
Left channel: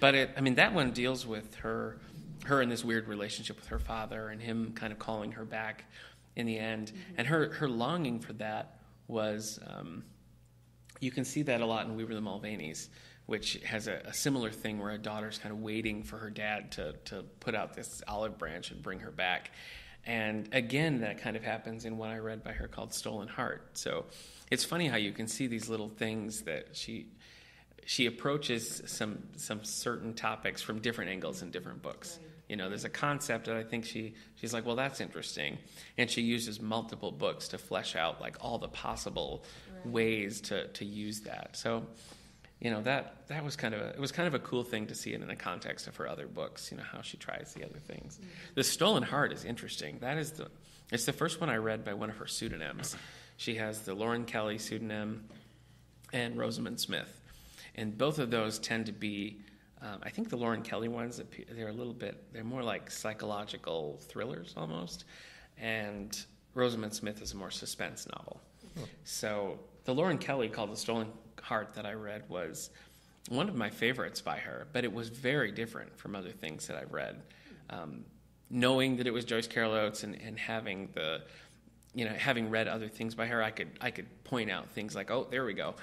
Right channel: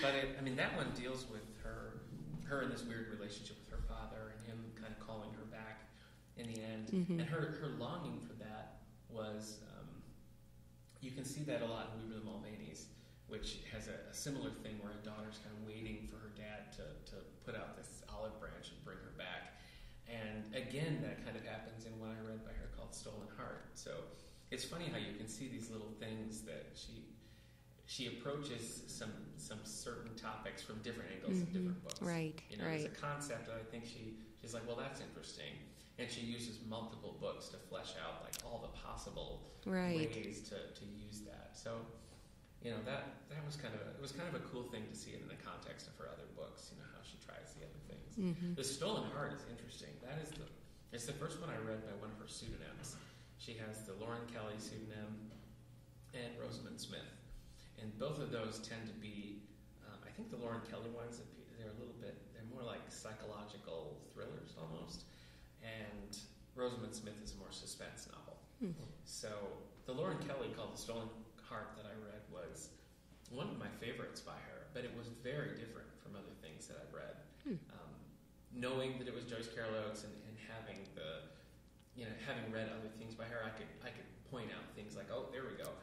But that one deals with her in this weird relationship with her father and him kind of calling her back in the end. And her longing for that was, you can see that a lot in We Were the Mulvaneys, which has a similar thing where a daughter's kind of waiting for her dad to put out this olive branch and bring her back. And again, that kind of happens in what I read by her called Stolen Heart. So it's funny how you can see these little things that she approaches some certain topics from different angles in different books. Right. There's a concept that I think she's like, well, that's interesting. And she uses multiple books to flesh out like all the possible ways to use that. So that was kind of a cool thing to see it in the context of her other books, how she tries the other things. The Stolen Heart is interesting. It's the first one I read by one of her pseudonyms. She has the Lauren Kelly pseudonym and Rosamund Smith. And both of those tend to be, I think the Lauren Kelly ones, they're more like psychological thrillers almost. And Rosamund Smith is a more suspense novel. So the Lauren Kelly called The Stolen Heart that I read was one of my favorites by her, but it was very different from other things that I've read. Knowing that it was Joyce Carol Oates and having having read other things by her, I could point out things like, oh, there we go.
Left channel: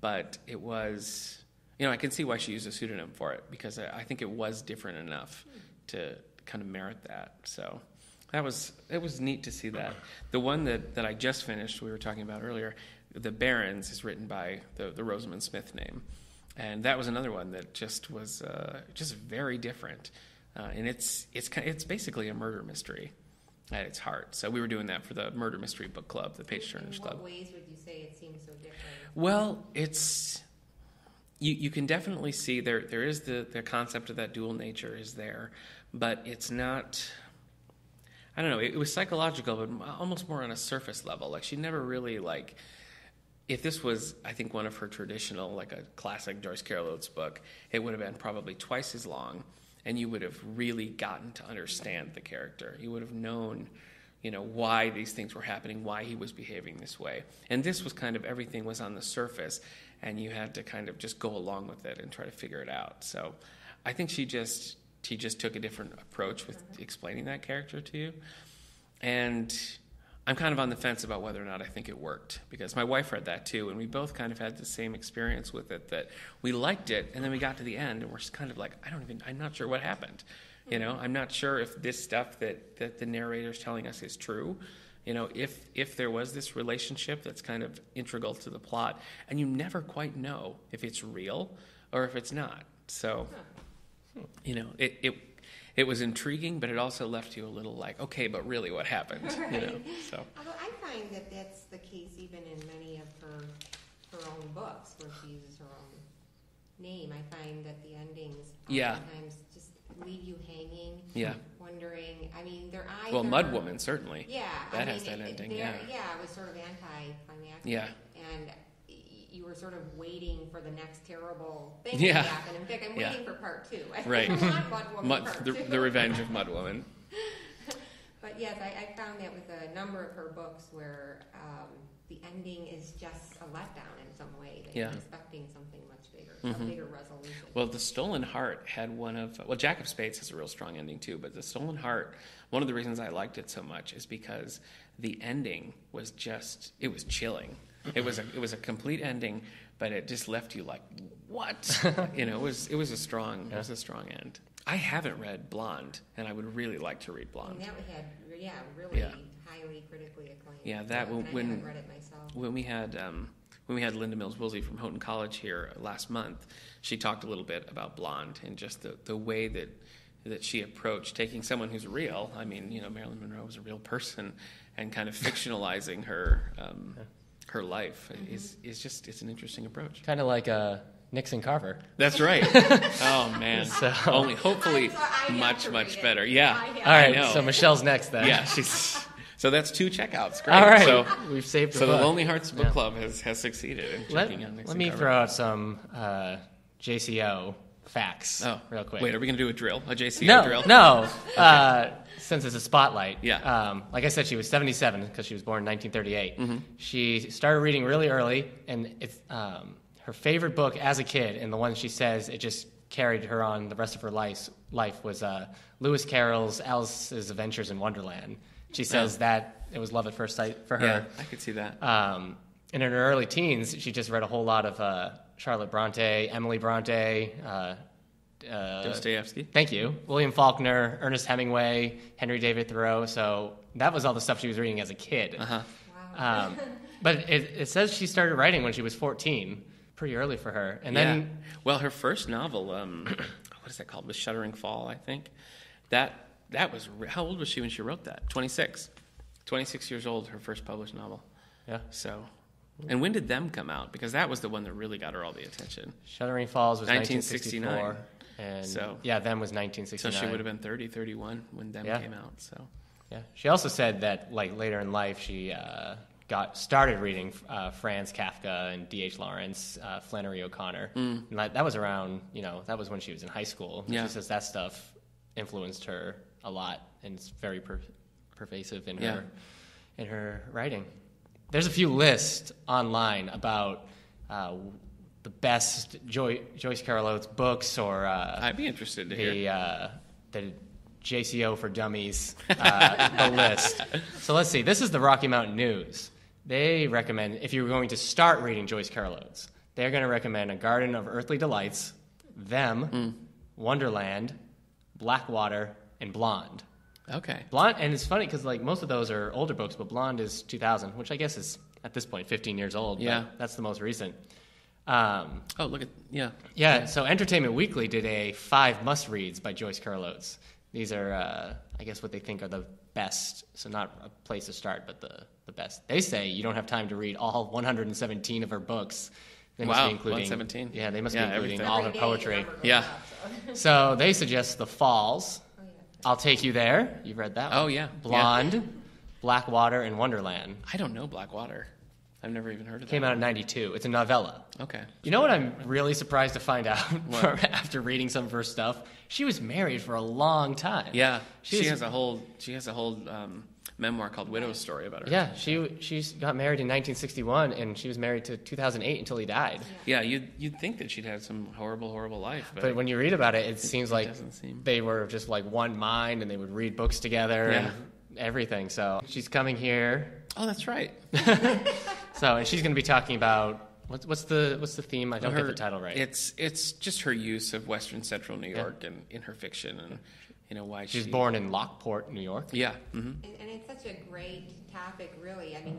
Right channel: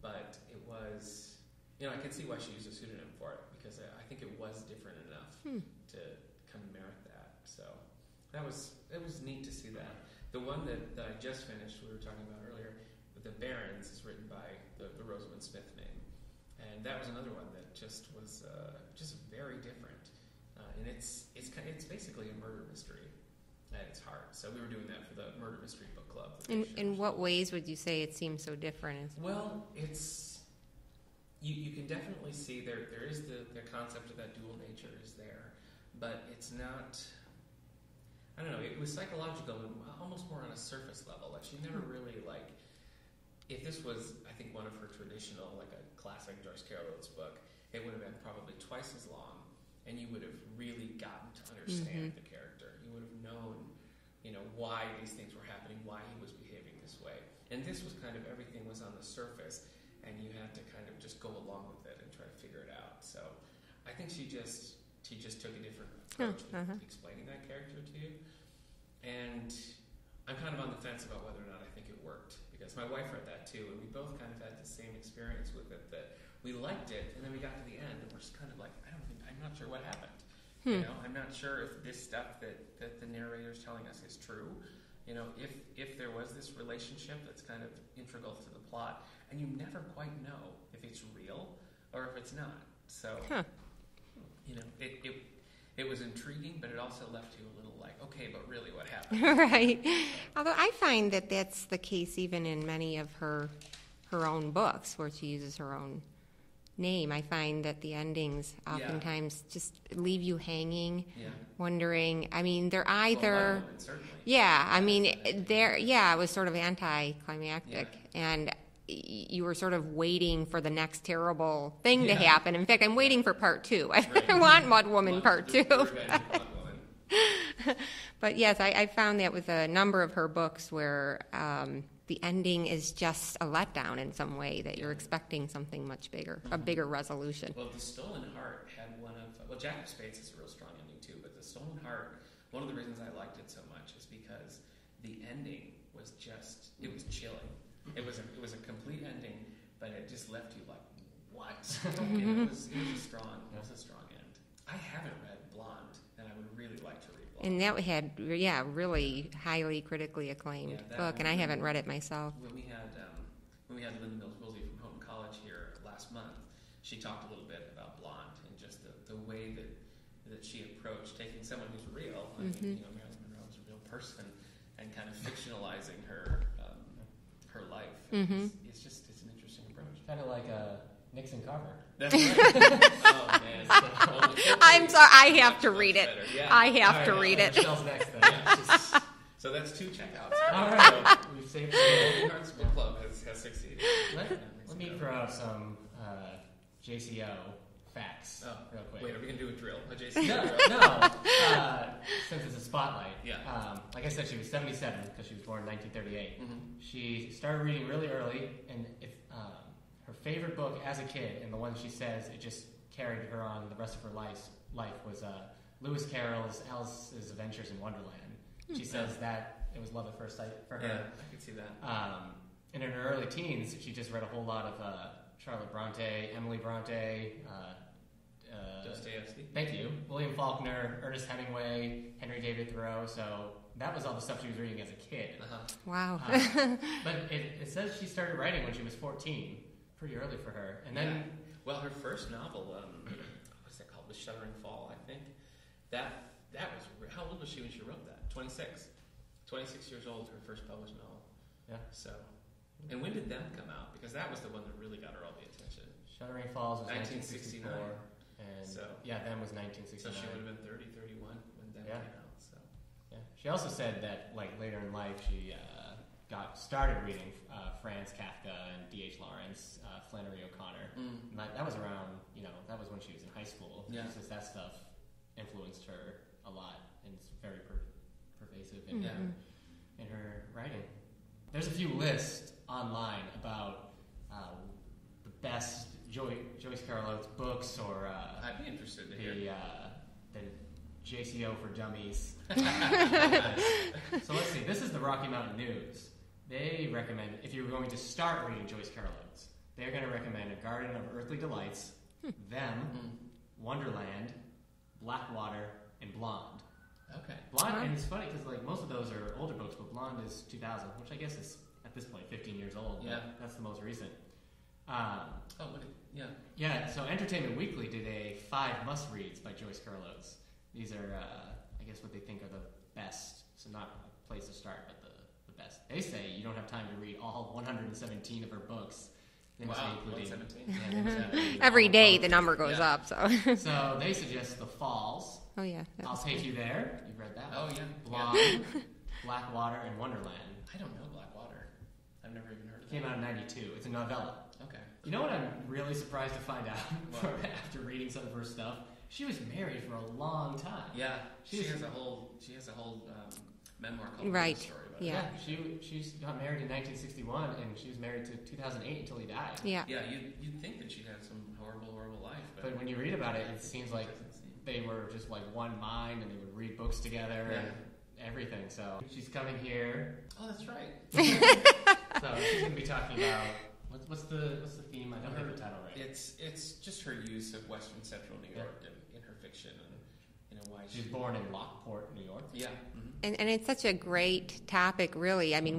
But it was, I can see why she used a pseudonym for it, because I think it was different enough to kind of merit that. So it was neat to see that. The one that I just finished, we were talking about earlier, The Barons, is written by the Rosamund Smith name. And that was another one that just was just very different. And it's basically a murder mystery at its heart. So we were doing that for the Murder Mystery Book Club, the Page Turners In what Club. ways would you say it seems so different? Well, it's you can definitely see there is the concept of that dual nature is there, but it's not. I don't know. It was psychological, but almost more on a surface level. Like she never really like. If this was, I think, one of her traditional, like a classic Joyce Carol Oates book, it would have been probably twice as long, and you would have really gotten to understand the character. You would have known, why these things were happening, why he was behaving this way. And this was kind of everything was on the surface, and you had to kind of just go along with it and try to figure it out. So I think she just took a different approach with explaining that character to you. And I'm kind of on the fence about whether or not I think it worked, because my wife read that too, and we both kind of had the same experience with it, that we liked it, and then we got to the end, and we're just kind of like, I'm not sure what happened. I'm not sure if this stuff that the narrator's telling us is true. If there was this relationship that's kind of integral to the plot, and you never quite know if it's real or if it's not. So, it was intriguing, but it also left you a little like, okay, but really what happened? Right. So. Although I find that that's the case even in many of her own books where she uses her own name. I find that the endings oftentimes just leave you hanging, wondering. I mean, they're either... Well, Mudwoman, certainly. Yeah, I mean, it was sort of anticlimactic. And you were sort of waiting for the next terrible thing to happen. In fact, I'm waiting for part 2. I want Mudwoman part 2. The Revenge of Mudwoman. But yes, I found that with a number of her books where the ending is just a letdown in some way, that you're expecting something much bigger, a bigger resolution. Well, The Stolen Heart had Jack of Spades has a real strong ending too, but The Stolen Heart, one of the reasons I liked it so much is because the ending was it was chilling. It was a complete ending, but it just left you like, what? It was a strong end. I haven't read Blonde, and I would really like to read Blonde. And that had really highly critically acclaimed book, and I haven't read it myself. When we had Linda Mills Woolsey from Houghton College here last month, she talked a little bit about Blonde and just the way that she approached taking someone who's real. I mean, Marilyn Monroe was a real person, and kind of fictionalizing her life it's an interesting approach. Kind of like Nixon Carver. That's right. Oh man. So, I'm sorry, I have to read it. Better. Yeah. I have to read it. So Michelle's next then. Yeah. So that's 2 checkouts. Great. All right. So we've saved. So the Lonely Hearts Book Club has succeeded. Let me throw out some JCO facts real quick. Wait, are we going to do a drill? A JCO drill? No. Since it's a spotlight. Yeah. Like I said, she was 77 because she was born in 1938. Mm-hmm. She started reading really early, and it's her favorite book as a kid, and the one she says it just carried her on the rest of her life was Lewis Carroll's Alice's Adventures in Wonderland. She says that it was love at first sight for her. Yeah, I could see that. And in her early teens, she just read a whole lot of Charlotte Bronte, Emily Bronte, Dostoevsky. Thank you. William Faulkner, Ernest Hemingway, Henry David Thoreau. So that was all the stuff she was reading as a kid. Uh-huh. Wow. But it says she started writing when she was 14. Pretty early for her. And then, well, her first novel, what is that called? The Shuddering Fall, I think. That was how old was she when she wrote that? 26. 26 years old. Her first published novel. Yeah. So. And when did Them come out? Because that was the one that really got her all the attention. Shuddering Falls was 1969. 1964. And Them was 1969. So she would have been 30, 31 when Them came out. So. Yeah. She also said that later in life she started reading Franz Kafka and D.H. Lawrence, Flannery O'Connor. And that was around, that was when she was in high school. Yeah. She says that stuff influenced her a lot, and it's very pervasive in her writing. There's a few lists online about the best Joyce Carol Oates books, or I'd be interested to hear the JCO for Dummies the list. So let's see. This is the Rocky Mountain News. They recommend, if you're going to start reading Joyce Carol Oates, they're going to recommend A Garden of Earthly Delights, Them, Wonderland, Blackwater, and Blonde. Okay. Blonde, and it's funny because like most of those are older books, but Blonde is 2000, which I guess is at this point 15 years old. Yeah. But that's the most recent. Look at Yeah. So Entertainment Weekly did a 5 must-reads by Joyce Carol Oates. These are, I guess, what they think are the best. So not a place to start, but the best. They say you don't have time to read all 117 of her books. They must be including 117. Yeah, they must be including all every her day poetry. the number goes up. So So they suggest The Falls. Oh yeah. I'll Take You There. You've read that one. Oh yeah. Blonde, Blackwater, and Wonderland. I don't know Blackwater. I've never even heard of that. Came out in '92. It's a novella. Okay. You know what I'm really surprised to find out after reading some of her stuff? She was married for a long time. Yeah. She has a whole memoir called Widow's Story about her. Yeah, she got married in 1961, and she was married to 2008 until he died. Yeah, you'd think that she'd had some horrible life. But when you read about it, it seems like they were just like one mind, and they would read books together and everything. So she's coming here. Oh, that's right. So she's going to be talking about what's the theme? I don't get the title right. It's just her use of Western Central New York and in her fiction, and why she's born in Lockport, New York. Yeah, and it's such a great topic, really. I mean,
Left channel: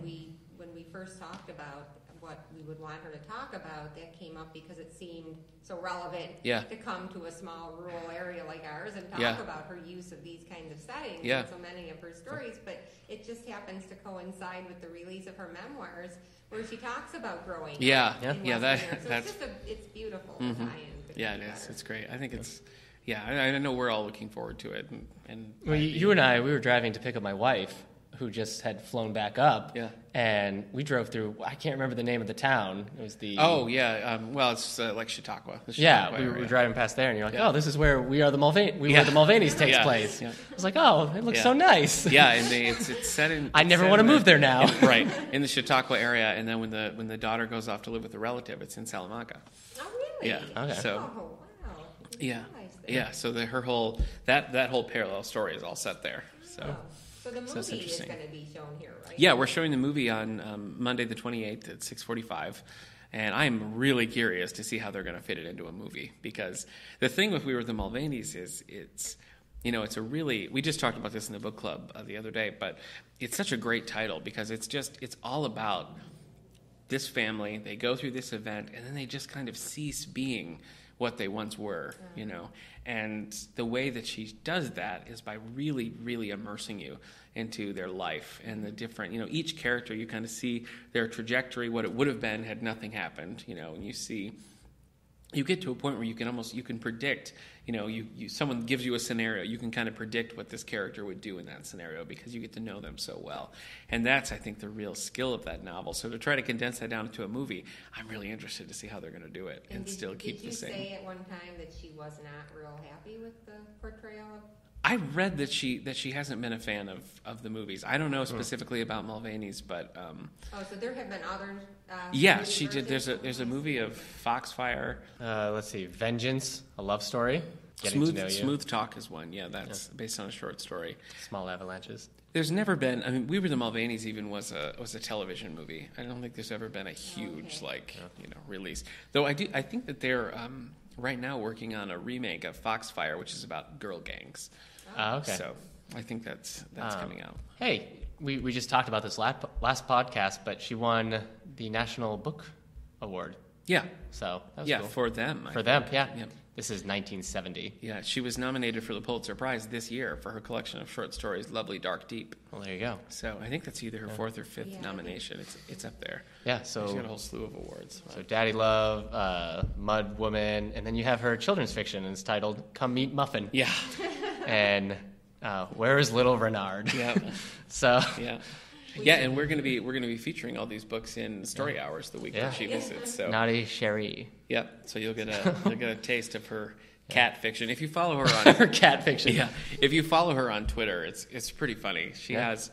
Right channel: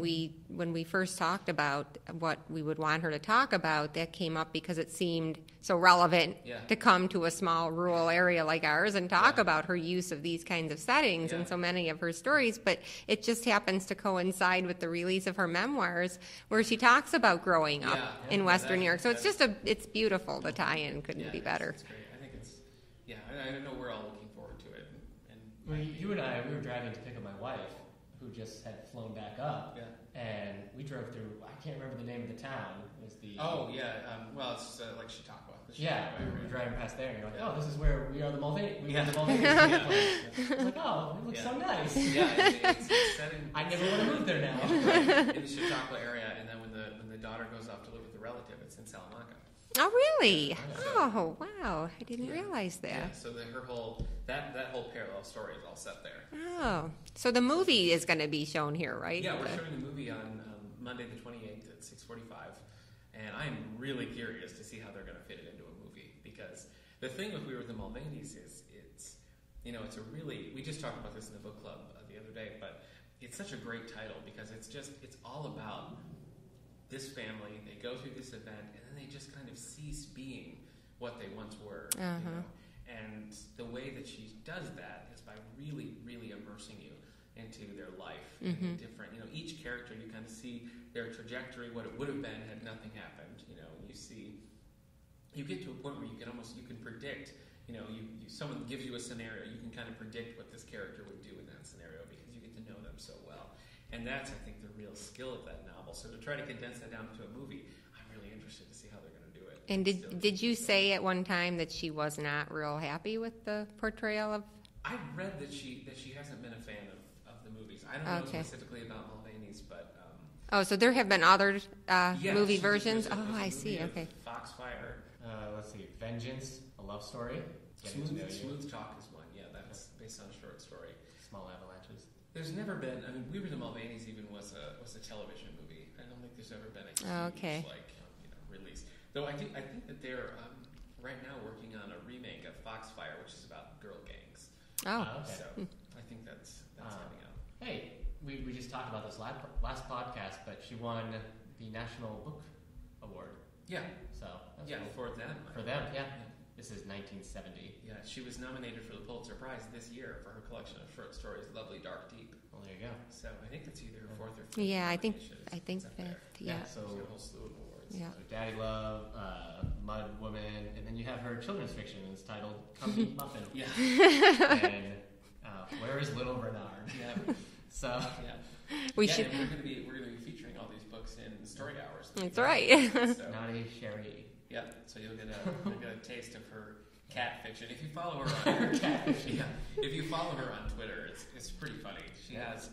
when we first talked about what we would want her to talk about, that came up because it seemed so relevant to come to a small rural area like ours and talk about her use of these kinds of settings and so many of her stories. But it just happens to coincide with the release of her memoirs, where she talks about growing up in Western New York. So it's beautiful. The tie-in couldn't be better. It's great. I think it's. Yeah, I know we're all looking forward to it. Well, you and I, we were driving to pick up my wife, who just had flown back up. Yeah. And we drove through, I can't remember the name of the town. It was the... Oh, yeah. Well, it's like Chautauqua. We were driving past there, and you're like, oh, this is where where the Mulvaney's takes place. Yeah. I was like, oh, it looks so nice. Yeah, it's set in... I never want to move there now. Right, in the Chautauqua area, and then when the daughter goes off to live with a relative, it's in Salamanca. Oh, really? Yeah. Okay. Oh, wow. I didn't realize that. Yeah, so her whole parallel story is all set there. Oh, so the movie is going to be shown here, right? Yeah, we're showing the movie on Monday the 28th at 6:45, and I'm really curious to see how they're going to fit it into a movie, because the thing with We Were the Mulvaneys is it's a really, we just talked about this in the book club the other day, but it's such a great title because it's all about this family. They go through this event, and then they just kind of cease being what they once were, And the way that she does that is by really, really immersing you into their life and the different, each character, you kind of see their trajectory, what it would have been had nothing happened, and you get to a point where you can predict, someone gives you a scenario, you can kind of predict what this character would do in that scenario because you get to know them so well. And that's, I think, the real skill of that novel. So to try to condense that down into a movie, I'm really interested to see how they're going to do it. And did you say at one time that she was not real happy with the portrayal of... I read that she hasn't been a fan of the movies. I don't know specifically about Mulvaney's, but... so there have been other movie versions? There's a movie of Foxfire. Let's see, Vengeance, a love story. Getting to know you. Smooth Talk is one. Yeah, that's based on a short story. Small Avalanches. There's never been. I mean, We Were the Mulvaneys even was a television movie. I don't think there's ever been a huge release. Though I think that they're right now working on a remake of Foxfire, which is about girl gangs. Oh, okay. So I think that's coming out. Hey, we just talked about this last podcast, but she won the National Book Award. Yeah. So that was cool. For them. For them, yeah. This is 1970. Yeah, she was nominated for the Pulitzer Prize this year for her collection of short stories, Lovely, Dark, Deep. Well, there you go. So I think that's either her fourth or fifth nomination. I think it's up there. Yeah, so she's got a whole slew of awards. Yeah. So Daddy Love, Mud Woman, and then you have her children's fiction, and it's titled Come Meet Muffin. Yeah. And Where is Little Renard? Yeah. So and we're gonna be featuring all these books in story hours the weekend. Right. So. Naughty Cherie. Yeah. So you'll get a taste of her cat fiction. If you follow her on her cat fiction. Yeah. If you follow her on Twitter, it's pretty funny. She has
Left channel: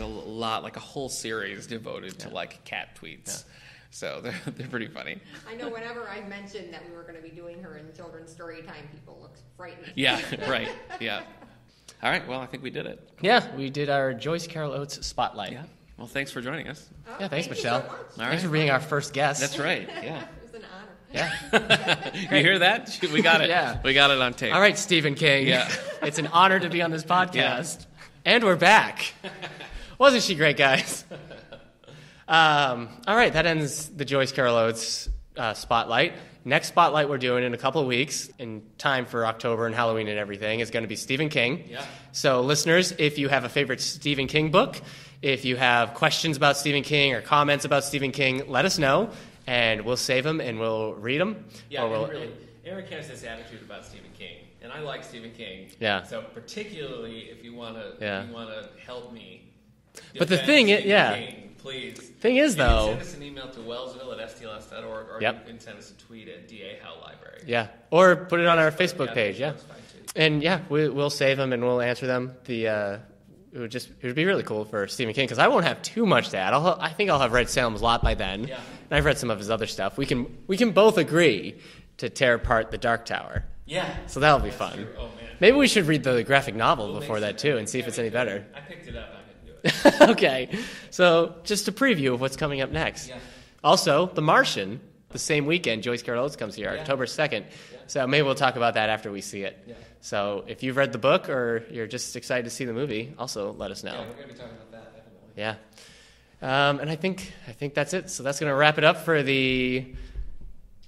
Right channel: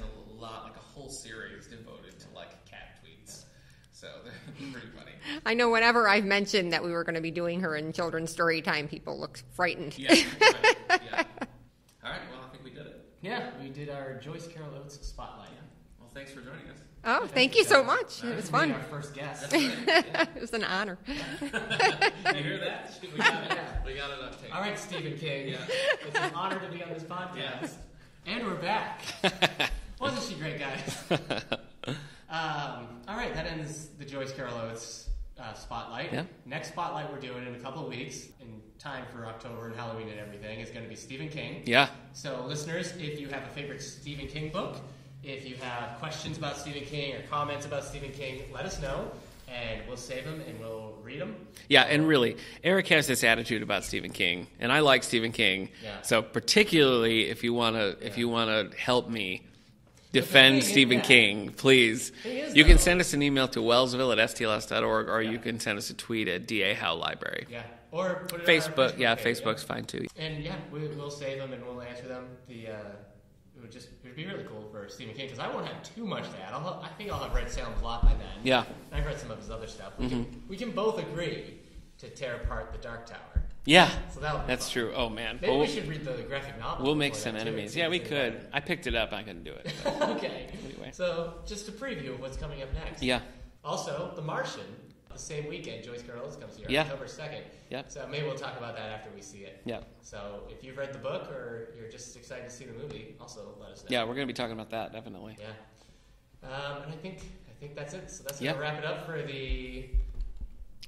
a lot, like a whole series devoted to like cat tweets. Yeah. So they're pretty funny. I know whenever I've mentioned that we were going to be doing her in children's story time, people look frightened. Yeah, right. Yeah. All right. Well, I think we did it. Yeah, we did our Joyce Carol Oates spotlight. Yeah. Well, thanks for joining us. Oh, yeah, thank Michelle. you so much. All right. Thanks for being our first guest. That's right. Yeah. It was an honor. Yeah. You hear that? We got it. Yeah. We got it on tape. All right, Stephen King. Yeah. It's an honor to be on this podcast. Yeah. And we're back. Wasn't she great, guys? All right, that ends the Joyce Carol Oates spotlight. Yeah. Next spotlight we're doing in a couple of weeks, in time for October and Halloween and everything, is going to be Stephen King. Yeah. So listeners, if you have a favorite Stephen King book, if you have questions about Stephen King or comments about Stephen King, let us know, and we'll save them and we'll read them. Yeah, and really, Eric has this attitude about Stephen King, and I like Stephen King. Yeah. So particularly if you want to defend thing Stephen King, please. Thing is, you can send us an email to wellsville@stls.org, or you can send us a tweet at DA Howe Library. Yeah, or put it on our Facebook page. Facebook's fine too. And we'll save them and we'll answer them. It would be really cool for Stephen King, because I won't have too much to add. I think I'll have read Salem's Lot by then. Yeah, and I've read some of his other stuff. We can both agree to tear apart the Dark Tower. Yeah, so that'll be fun. That's true. Oh man, maybe we should read the graphic novel before that too, enemies. and see if it's any better. I picked it up. I couldn't do it. Okay, so just a preview of what's coming up next. Yeah. Also, The Martian. The same weekend, Joyce Carol Oates comes here, October 2nd. Yeah. So maybe we'll talk about that after we see it. Yeah. So if you've read the book or you're just excited to see the movie, also let us know. Yeah, we're going to be talking about that, definitely. Yeah. And I think that's it. So that's going to wrap it up for the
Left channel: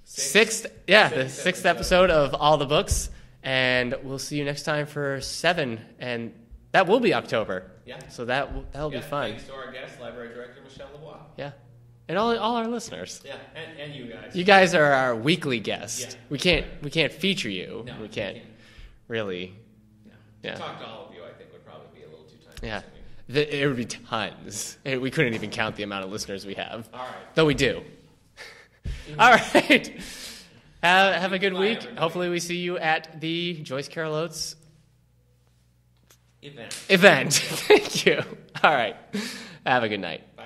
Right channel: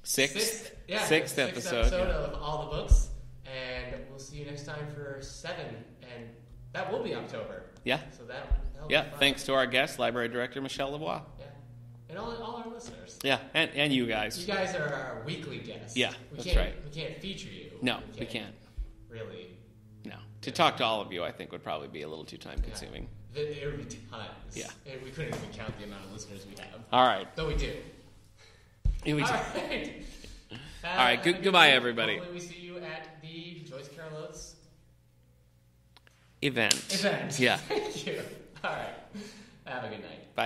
sixth episode of All the Books. And we'll see you next time for 7. And that will be October. Yeah. So that'll be fun. Thanks to our guest, Library Director Michelle LaVoie. Yeah. And all our listeners. Yeah, and you guys. You guys are our weekly guests. Yeah, we can't feature you. No, we can't. Really. No, to talk to all of you, I think would probably be a little too time consuming. It would be tons. Yeah. We couldn't even count the amount of listeners we have. All right, though we do. All right. Have a good week, everybody. Hopefully, we see you at the Joyce Carol Oates event. Yeah. Thank you. All right. Have a good night. Bye.